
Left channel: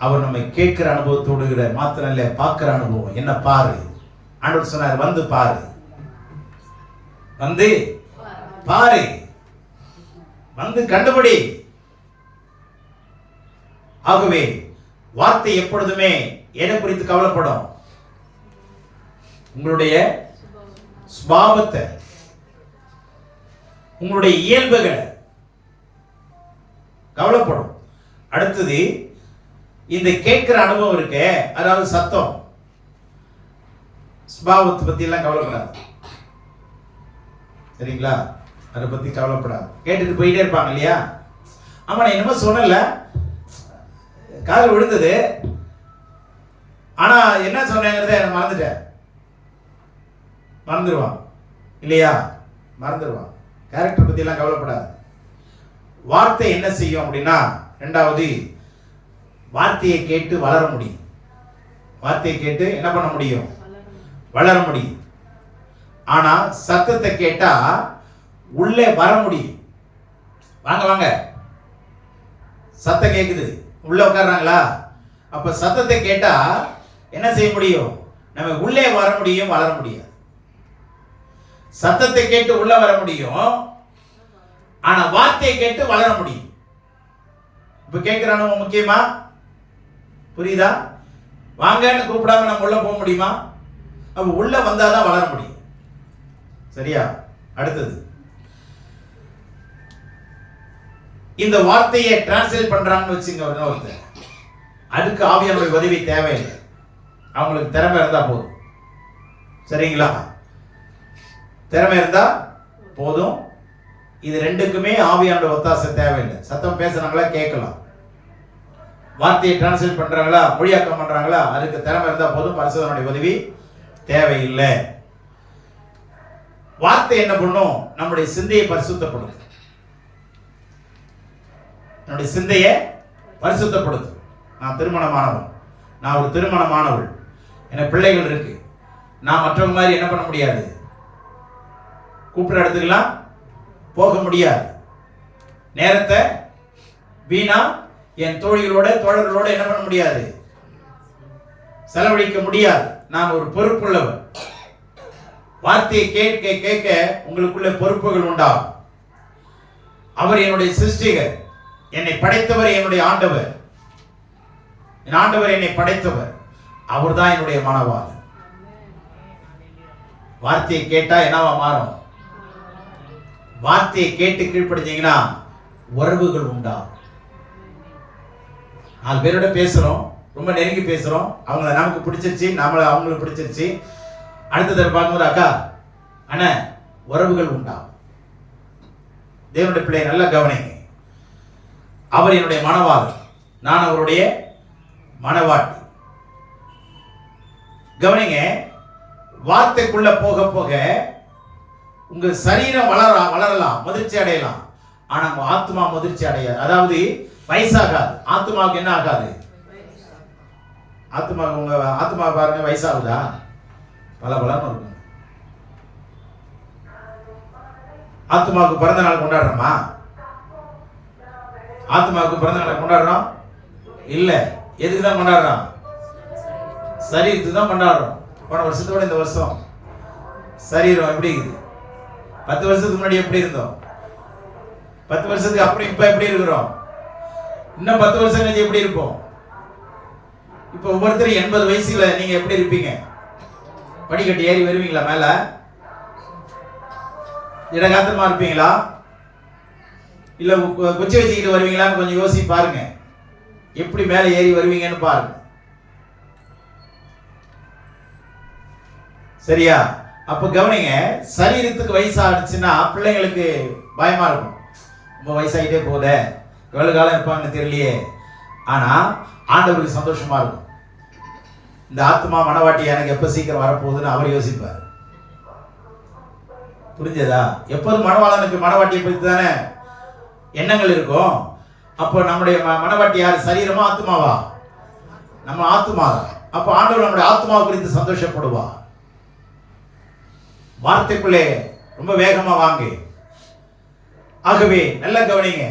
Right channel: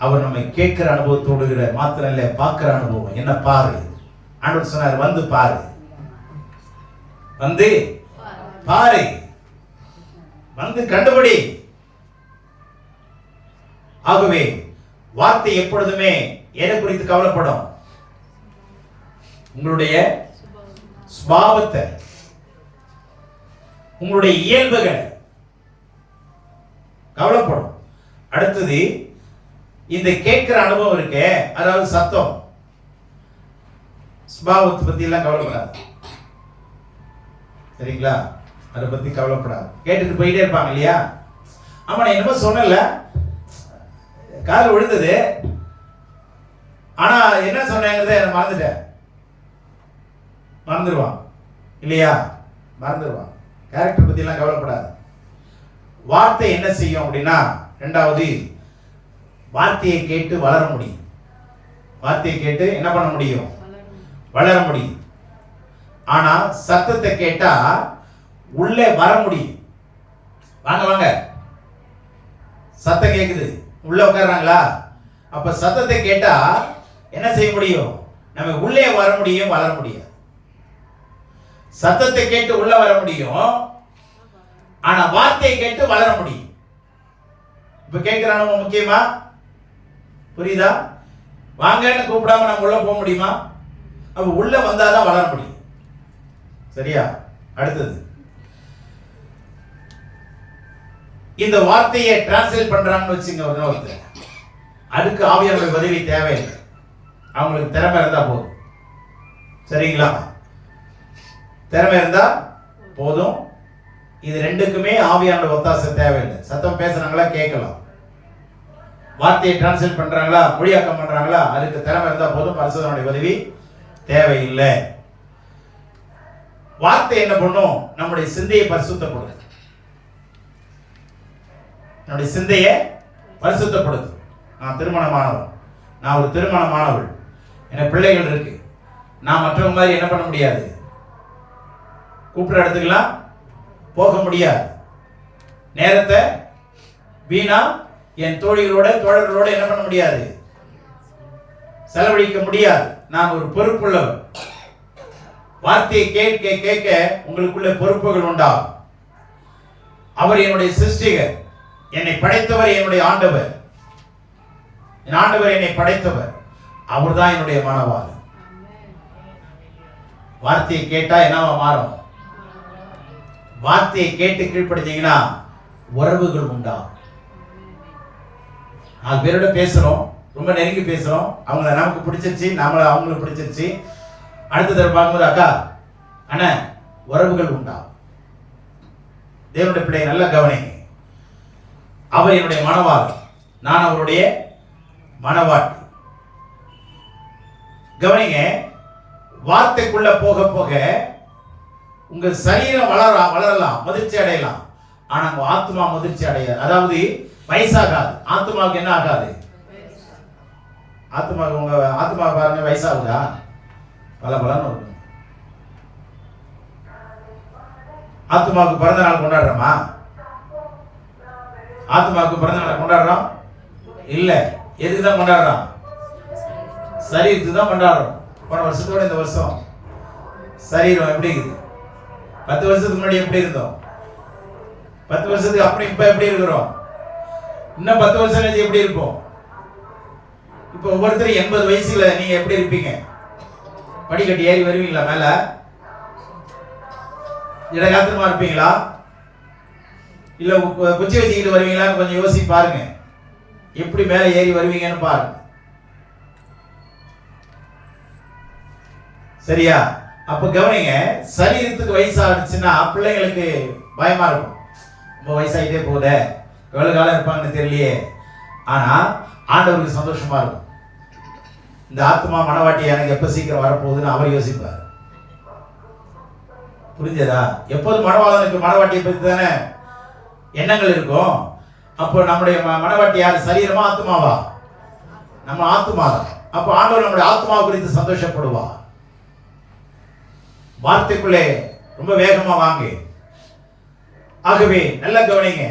அவர் நம்மை கேட்கிற அனுபவத்தோடு மாத்திரம் இல்லை, பார்க்கிற அனுபவம். என்ன பாரு, ஆண்டவர் சொன்னார், வந்து பாரு, வந்து பாரு, வந்து கண்டுபிடி. ஆகவே வார்த்தை எப்பொழுதுமே எதை குறித்து கவலைப்படும்? உங்களுடைய சுபாவத்தை, உங்களுடைய இயல்புகளை கவலைப்படும். அடுத்தது இந்த கேட்கிற அனுபவம் இருக்கே, அதாவது சத்தம், சுபாவத்தை பத்தி எல்லாம் கவலைப்படாது. சரிங்களா? அதை பத்தி கவலைப்படாது. கேட்டுட்டு போயிட்டே இருப்பாங்க இல்லையா? ஆமா, நான் என்னமோ சொன்னல, கால் விழுந்தது, ஆனா என்ன சொன்னேங்கிறத என்ன மறந்துட்டேன். மறந்துடுவான் இல்லையா? மறந்துடுவான். கேரக்டர் பத்தி எல்லாம் கவலைப்படாது. வார்த்தை என்ன செய்யும் அப்படின்னா, ரெண்டாவது, வார்த்தையை கேட்டு வளர முடியும். வார்த்தையை கேட்டு என்ன பண்ண முடியும்? வளர முடியும். ஆனா சத்தத்தை கேட்டா உள்ளே வர முடியும். வாங்க வாங்க, சத்தம் கேக்குது, உள்ள உட்கார்றாங்களா? அப்ப சத்தத்தை கேட்டா என்ன செய்ய முடியும்? நம்ம உள்ளே வர முடியும், வளர முடியும். சத்தத்தை கேட்டு உள்ள வர முடியும், ஆனா வார்த்தையை கேட்டு வளர முடியும். இப்ப கேட்கிறானு முக்கியமா? புரியுதா? வாங்கன்னு கூப்பிடாம நம்ம உள்ள போக முடியுமா? அப்ப உள்ள வந்தாதான் வளர முடியும். சரியா? அடுத்தது, இந்த வார்த்தையை டிரான்ஸ்லேட் பண்றாங்கன்னு வச்சுங்க ஒருத்தர், அதுக்கு ஆவியானவருடைய உதவி தேவையில்லை. அவங்களுக்கு திறமை இருந்தா போதும். சரிங்களா? திறமை இருந்தா போதும். இது ரெண்டுக்குமே ஆவியானவருடைய ஒத்தாசை தேவையில்லை. சத்தம் பேசுறாங்களா, கேட்கலாம். வார்த்தையை டிரான்ஸ்லேட் பண்றாங்களா, மொழியாக்கம் பண்றாங்களா, அதுக்கு திறமை இருந்தா போதும். பரிசுத்தனுடைய உதவி தேவையில்லை. வார்த்தை என்ன பண்ணும்? நம்முடைய சிந்தையை பரிசுத்தப்படுது. என்னுடைய சிந்தையை பரிசுத்தப்படுத்தும். நான் திருமணமானவன், நான் ஒரு திருமணமானவள், எனக்கு பிள்ளைகள் இருக்கு. நான் மற்றவங்க மாதிரி என்ன பண்ண முடியாது, கூப்பிட்ற இடத்துக்கெல்லாம் போக முடியாது. நேரத்தை வீணா என் தோழர்களோட என்ன பண்ண முடியாது, செலவழிக்க முடியாது. நான் ஒரு பொறுப்புள்ளவர். வார்த்தையை கேட்க கேட்க உங்களுக்குள்ள பொறுப்புகள் உண்டாகும். அவர் என்னுடைய சிருஷ்டிகர், என்னை படைத்தவர் என்னுடைய ஆண்டவர். என் ஆண்டவர் என்னை படைத்தவர், அவர் தான் என்னுடைய மனவாளன். வார்த்தையை கேட்டா என்னவா மாறும்? வார்த்தையை கேட்டு கீழ்ப்படிச்சீங்கன்னா உறவுகள் உண்டாகும். 4 பேரோட பேசுறோம், ரொம்ப நெருங்கி பேசுறோம், அவங்கள நமக்கு பிடிச்சிருச்சு, நம்மள அவங்களுக்கு பிடிச்சிருச்சு. அடுத்த தடவை பார்க்கும்போது அக்கா அண்ணன் உறவுகள் உண்டாகும். தேவனுடைய பிள்ளை நல்லா கவனிங்க. அவர் என்னுடைய மனவாளன், நான் அவருடைய மனவாட்டி. கவனிங்க, வார்த்தைக்குள்ள போக போக உங்க சரீரம் வளரலாம், முதிர்ச்சி அடையலாம். ஆனா உங்க ஆத்மா முதிர்ச்சி அடையாது. அதாவது வயசாகாது. ஆத்மாவுக்கு என்ன ஆகாது? ஆத்மாவுக்கு, உங்க ஆத்மா பாருங்க, வயசாகுதா? பல இருக்கும். ஆத்மாவுக்கு பிறந்த நாள் கொண்டாடுறோமா? ஆத்மாவுக்கு பிறந்த நாள் கொண்டாடுறோம் இல்ல. எதுக்கு தான் கொண்டாடுறோம்? சரீரத்துக்கு தான் கொண்டாடுறோம். போன வருஷத்தோட இந்த வருஷம் சரீரம் எப்படி இருக்குது? 10 வருஷத்துக்கு முன்னாடி எப்படி இருந்தோம்? 10 வருஷத்துக்கு அப்புறம் இப்ப எப்படி இருக்கிறோம்? இன்னும் 10 வருஷம் கழிச்சு எப்படி இருப்போம்? இப்ப ஒவ்வொருத்தரும் 80 வயசுல நீங்க எப்படி இருப்பீங்க? படிக்கட்டி ஏறி வருவீங்களா மேல? இடகாத்திரமா இருப்பீங்களா, இல்ல குச்சி வச்சுக்கிட்டு வருவீங்களான்னு கொஞ்சம் யோசிச்சு பாருங்க. எப்படி மேல ஏறி வருவீங்கன்னு பாருங்க. சரியா? அப்ப கவனிங்க, சரீரத்துக்கு வயசாகிடுச்சுன்னா பிள்ளைங்களுக்கு பயமா இருக்கும். ரொம்ப வயசாகிட்டே போகுதே, எவ்வளவு காலம் இருப்பாங்கன்னு தெரியலையே. ஆனா ஆண்டவருக்கு சந்தோஷமா இருக்கும். இந்த ஆத்மா மனவாட்டி எனக்கு எப்ப சீக்கிரம் வரப்போகுதுன்னு அவர் யோசிப்பார். புரிஞ்சதா? எப்போதும் மனவாளனுக்கு மனவாட்டியை பற்றி தானே எண்ணங்கள் இருக்கும். அப்போ நம்முடைய மனவாட்டி யார்? சரீரமா ஆத்மாவா? நம்ம ஆத்மா தான். அப்போ ஆண்டவர் நம்முடைய ஆத்மாவை குறித்து சந்தோஷப்படுவா. வார்த்தைக்குள்ளே ரொம்ப வேகமா வாங்க. ஆகவே நல்லா கவனிங்க,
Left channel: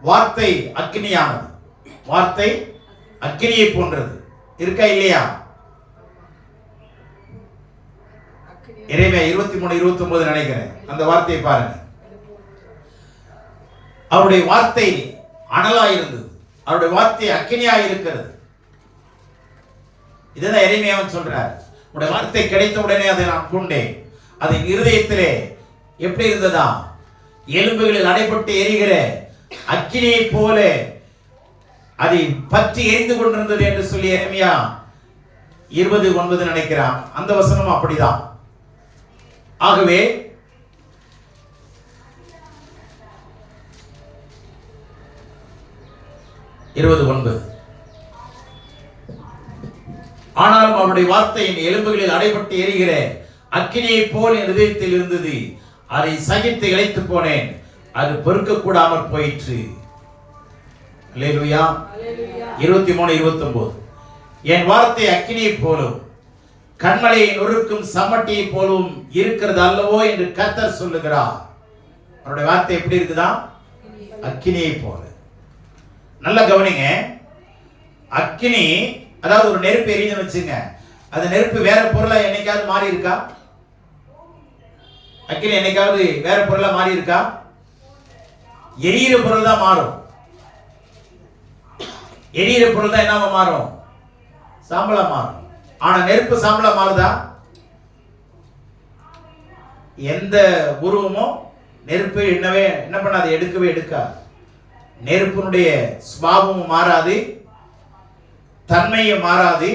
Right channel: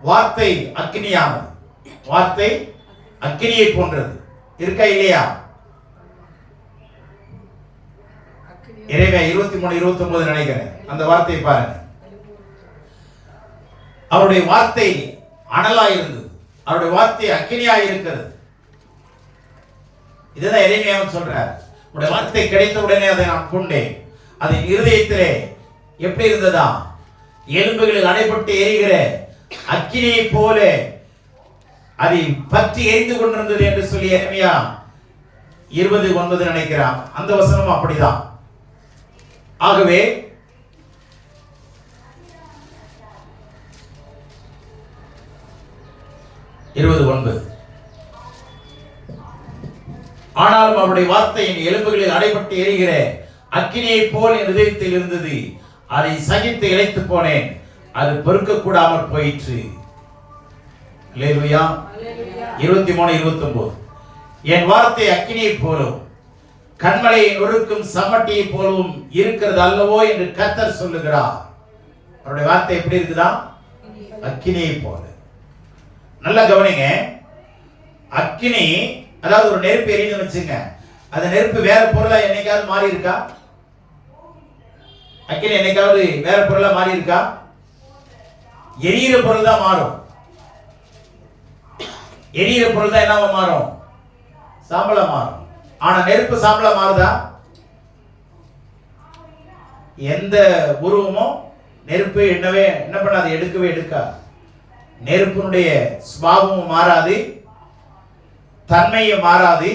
வார்த்தை அக்கினியானது. வார்த்தை அக்கினியை போன்றது. இருக்கா இல்லையா? எரேமியா 23:29 நினைக்கிறேன். அந்த வார்த்தையை பாருங்க. அவருடைய வார்த்தை அனலாயிருந்தது, அவருடைய வார்த்தை அக்கினியாய் இருக்கிறது. இதுதான் எரேமியாவும் சொல்றார். உடைய வார்த்தை கிடைத்த உடனே அதை நான் கொண்டேன். அது இருதயத்திலே எப்படி இருந்ததா? எலும்புகளில் அடைபட்டு எரிகிற அக்கினியை போல அதை பற்றி எரிந்து கொண்டிருந்தது என்று சொல்லி எரேமியா 20:9 நினைக்கிறான். அந்த வசனம் அப்படிதான். ஆகவே ஆனாலும் அவருடைய வார்த்தையின் எலும்புகளில் அடைபட்டு எரிகிற அக்கினியை போல் என் இதயத்தில் இருந்தது. அதை சகித்து இழைத்து போனேன், அது பொறுக்க கூடாமல் போயிற்று. அல்லேலூயா. 23:29 என் வார்த்தை அக்கினியை போலும் கண்மலையை நொறுக்கும் சமட்டியை போலவும் இருக்கிறது அல்லவோ என்று கர்த்தர் சொல்லுகிறார். அவருடைய வார்த்தை எப்படி இருக்குதா? அக்கினியை போல. நல்லா கவனிங்க, அக்கினி அதாவது ஒரு நெருப்பு எரியுதுன்னு வச்சுங்க, அது நெருப்பு வேற பொருளா என்னைக்காவது மாறி இருக்கா? அக்கினி என்னைக்காவது வேற பொருளா மாறி இருக்கா? எரியிற பொருள் தான் மாறும். எரியிற பொருள் தான் என்னவா மாறும்? சாம்பலா மாறும். ஆனா நெருப்பு சாம்பலா மாறுதா? எந்த உருவமும் நெருப்பு என்ன பண்ணாது, எடுக்கவே எடுக்காது. நெருப்பினுடைய சுபாவமும் மாறாது, தன்மையும் மாறாது,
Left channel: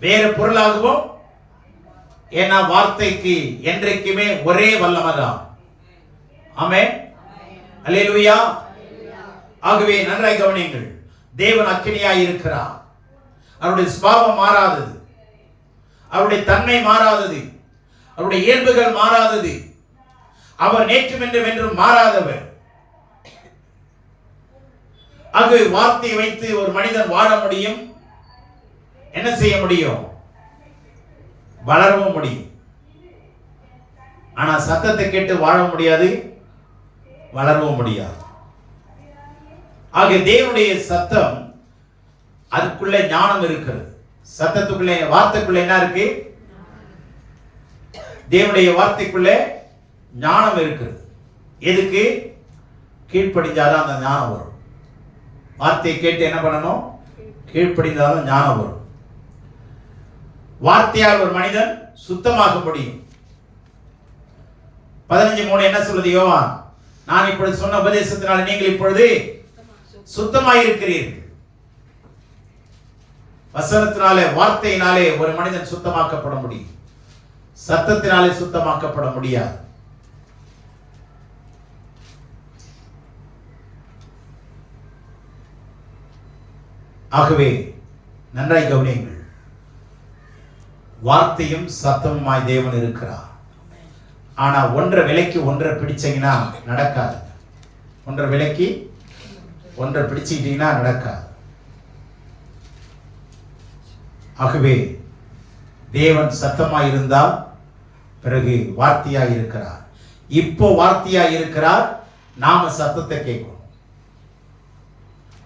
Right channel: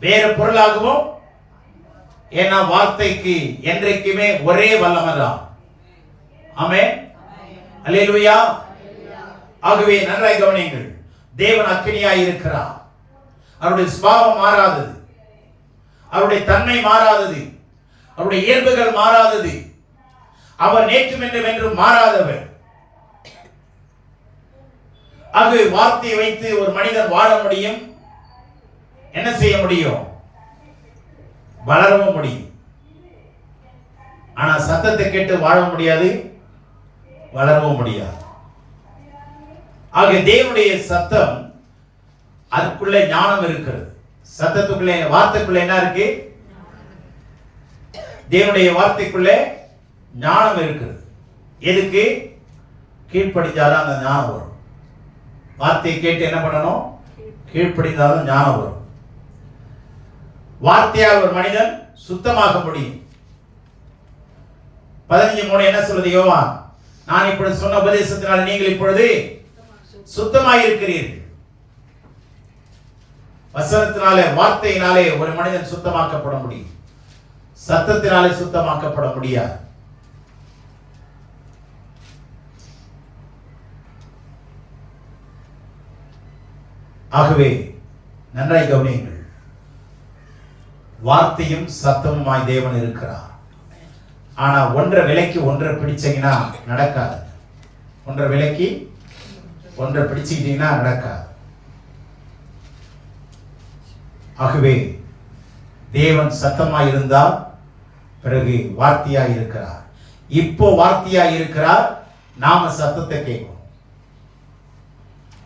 வேற பொருளாகவும். ஏன்னா வார்த்தைக்கு என்றைக்குமே ஒரே வல்லமைதான். ஆமென், அல்லேலூயா. ஆகவே நன்றாய் கவனியுங்கள், தேவன் அக்கினியாய் இருக்கிறார். அவருடைய சுபாவம் மாறாதது, அவருடைய தன்மை மாறாதது, அவருடைய இயல்புகள் மாறாதது. அவர் நேற்றும் என்றும் என்றும் மாறாதவர். ஆகவே வார்த்தையை வைத்து ஒரு மனிதன் வாழ முடியும், என்ன செய்ய முடியும், வளரவும் முடியும். ஆனா சத்தத்தை கேட்டு வாழ முடியாது, வளரவும் முடியாது. ஆக தேவனுடைய சத்தம், அதுக்குள்ளே ஞானம் இருக்கிறது. சத்தத்துக்குள்ளே, வார்த்தைக்குள்ளே என்ன இருக்கு? தேவனுடைய வார்த்தைக்குள்ளே ஞானம் இருக்கிறது. எதுக்கு? கீழ்ப்படிந்தாதான் அந்த ஞானம் வரும். வார்த்தையை கேட்டு என்ன பண்ணணும்? கீழ்ப்படிந்தாதான் ஞானம் வரும். வார்த்தையால் ஒரு மனிதன் சுத்தமாக முடியும். 15:3 என்ன சொல்லுது யோவான்? நான் இப்பொழுது சொன்ன உபதேசத்தினால் நீங்கள் இப்பொழுது சுத்தமாக இருக்கிறீர்கள். வசனத்தினாலே, வார்த்தையினாலே ஒரு மனிதன் சுத்தமாக்கப்பட முடியும், சத்தத்தினாலே சுத்தமாக்கப்பட முடியாது. ஆகவே நன்றாய் கவனியுங்கள், வார்த்தையும் சத்தமுமாய் தேவன் இருக்கிறார். ஆனா ஒன்றை விலைக்கு ஒன்றை பிடிச்சீங்கன்னா நடக்காது. ஒன்றை விலைக்கு ஒன்றை பிடிச்சிக்கிட்டீங்கன்னா நடக்காது. ஆகவே தேவன் சத்தமாய் இருந்தால் பிறகு வார்த்தையாய் இருக்கிறார். இப்போ வார்த்தையாய் இருக்கிறார், நாம சத்தத்தை கேட்கணும்.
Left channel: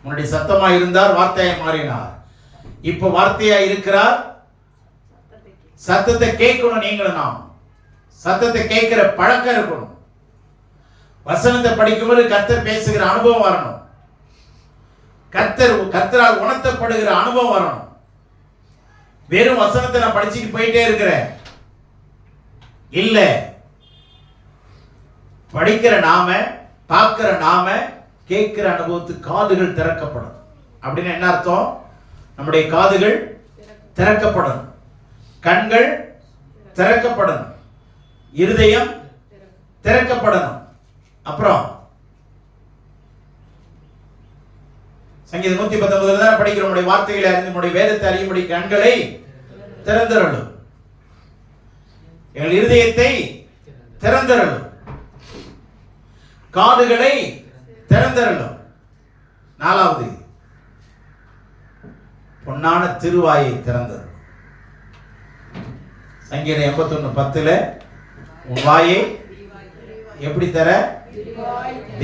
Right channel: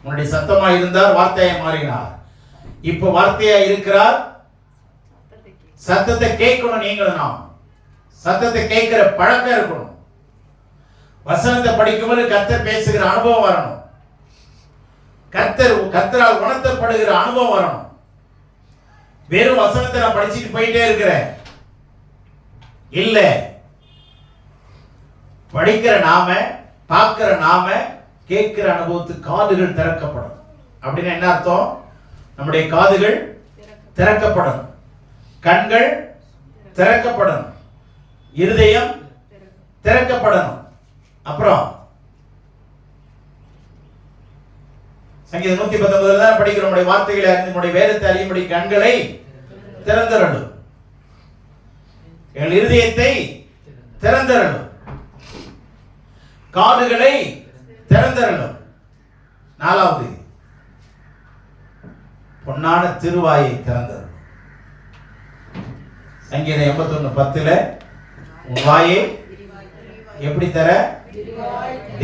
முன்னாடி சத்தமாய் இருந்தார், வார்த்தையாய் மாறினார். இப்போ வார்த்தையாய் இருக்கிறார், சத்தத்தை கேட்கணும். நீங்களும் நாம் சத்தத்தை கேட்கிற பழக்கம் இருக்கணும். வசனத்தை படிக்கும்போது கர்த்தர் பேசுகிற அனுபவம் வரணும். கர்த்தரால் உணர்த்தப்படுகிற அனுபவம் வரணும். வெறும் வசனத்தை நான் படிச்சுட்டு போயிட்டே இருக்கிறேன் இல்ல. படிக்கிற நாம, பார்க்கிற நாம, கேட்கிற அனுபவத்துக்கு காதுகள் திறக்கப்படும். அப்படின்னு என்ன அர்த்தம்? நம்முடைய காதுகள் திறக்கப்படும், கண்கள் திறக்கப்படும், இருதயம் திறக்கப்படணும். அப்புறம் சங்கீதம் 119 தான் படிக்கிற நம்முடைய வார்த்தைகளை அறிந்து நம்முடைய வேதத்தை அறியும்படி கண்களை திறந்தரணும், எங்கள் இருதயத்தை திறந்தரணும், காதுகளை திறந்தரணும். 4வது பொன்னான திருவாயை திறந்தரணும். சங்கீதம் 81:10 உன் வாயை எப்படி தர?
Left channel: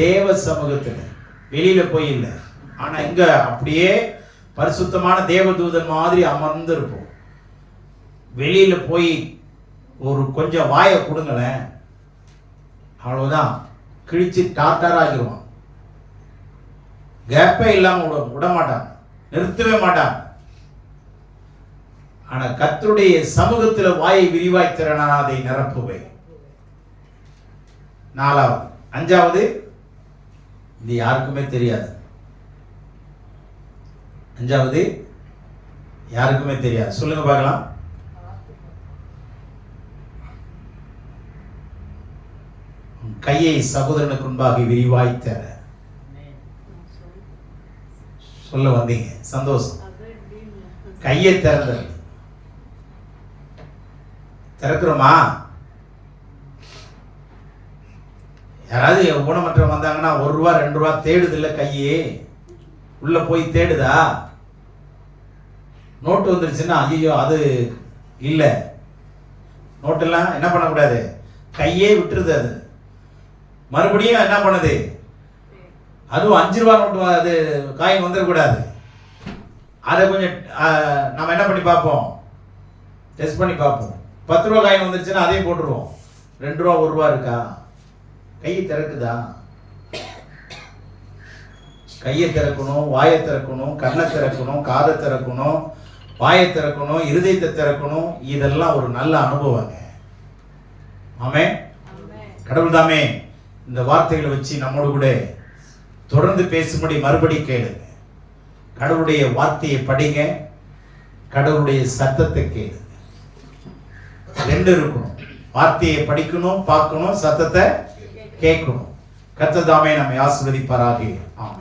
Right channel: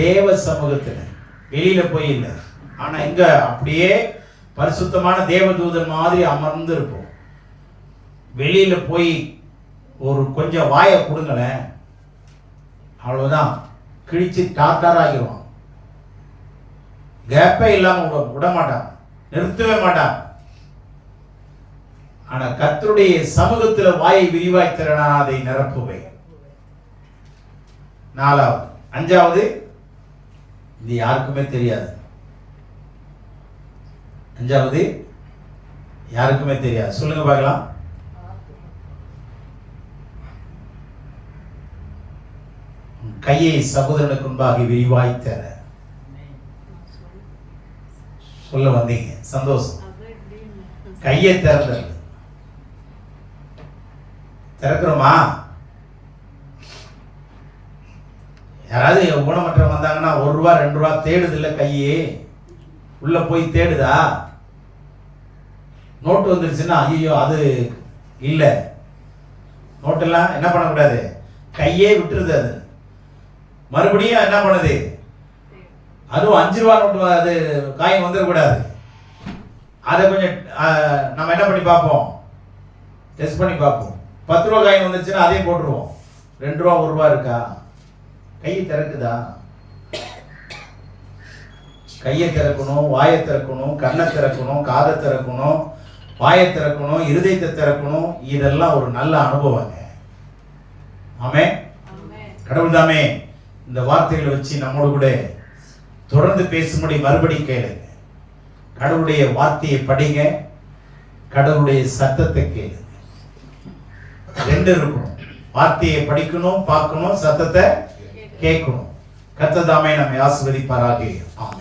தேவ சமூகத்தில், வெளியில போய் இல்லை. ஆனா இங்க அப்படியே பரிசுத்தமான தேவதூதன் மாதிரி அமர்ந்து இருப்போம். வெளியில போய் ஒரு கொஞ்சம் வாயை கொடுங்களேன், அவ்வளவுதான், கிழிச்சு டாட்டார் ஆகிடுவான். கேப்பே இல்லாம விட மாட்டான், நிறுத்தவே மாட்டான். ஆனா கர்த்தருடைய சமூகத்தில் வாயை விரிவாய் திறனா அதை நிரப்புவை. 4வது. 5வது, இது யாருக்குமே தெரியாது. 5வது யாருக்குமே தெரியாது. சொல்லுங்க பார்க்கலாம். கையை சகோதரனுக்கு முன்பாக விரிவாய் தர. சொல்ல வந்தீங்க, சந்தோஷம். கையை திறந்த திறக்கிறோமா? யாராவது ஊனமற்றம் வந்தாங்கன்னா 1 ரூபா 2 ரூபா தேடுது இல்ல, கையே உள்ள போய் தேடுதா? நோட்டு வந்துருச்சுன்னா ஐயோ அது இல்ல, நோட்டெல்லாம் என்ன பண்ணக்கூடாது, கையே விட்டுருது. அது மறுபடியும் என்ன பண்ணுது, அதுவும் 5 ரூபா நோட்டு, அது காயம் வந்துடக்கூடாது. அதை கொஞ்சம் நம்ம என்ன பண்ணி பார்ப்போம், டெஸ்ட் பண்ணி பார்ப்போம். 10 ரூபா காயின் வந்துருச்சுன்னா அதே போட்டுருவோம். 2 ரூபா 1 ரூபா இருக்கா? கையை திறக்குதா? கையை திறக்கணும், வாயை திறக்கணும், கண்ணை திறக்கணும், காதை திறக்கணும், வாயை திறக்கணும், இருதயத்தை திறக்கணும். இதெல்லாம் ஒரு நல்ல அனுபவங்க. ஆமென். கடவுள் தாமே இந்த வார்த்தைகளை வச்சு நம்மோடு கூட தொடர்ந்து பேசும்படி மறுபடி கேளுங்க. கடவுளுடைய வார்த்தையை படிங்க, கடவுளுடைய சத்தத்தை கேளுங்க. 2 இருக்கணும். வார்த்தையை படிக்கணும், பார்க்கணும், சத்தத்தை கேட்கணும். கர்த்தர் தாமே நம்மை ஆசீர்வதிப்பாராக. ஆமென்.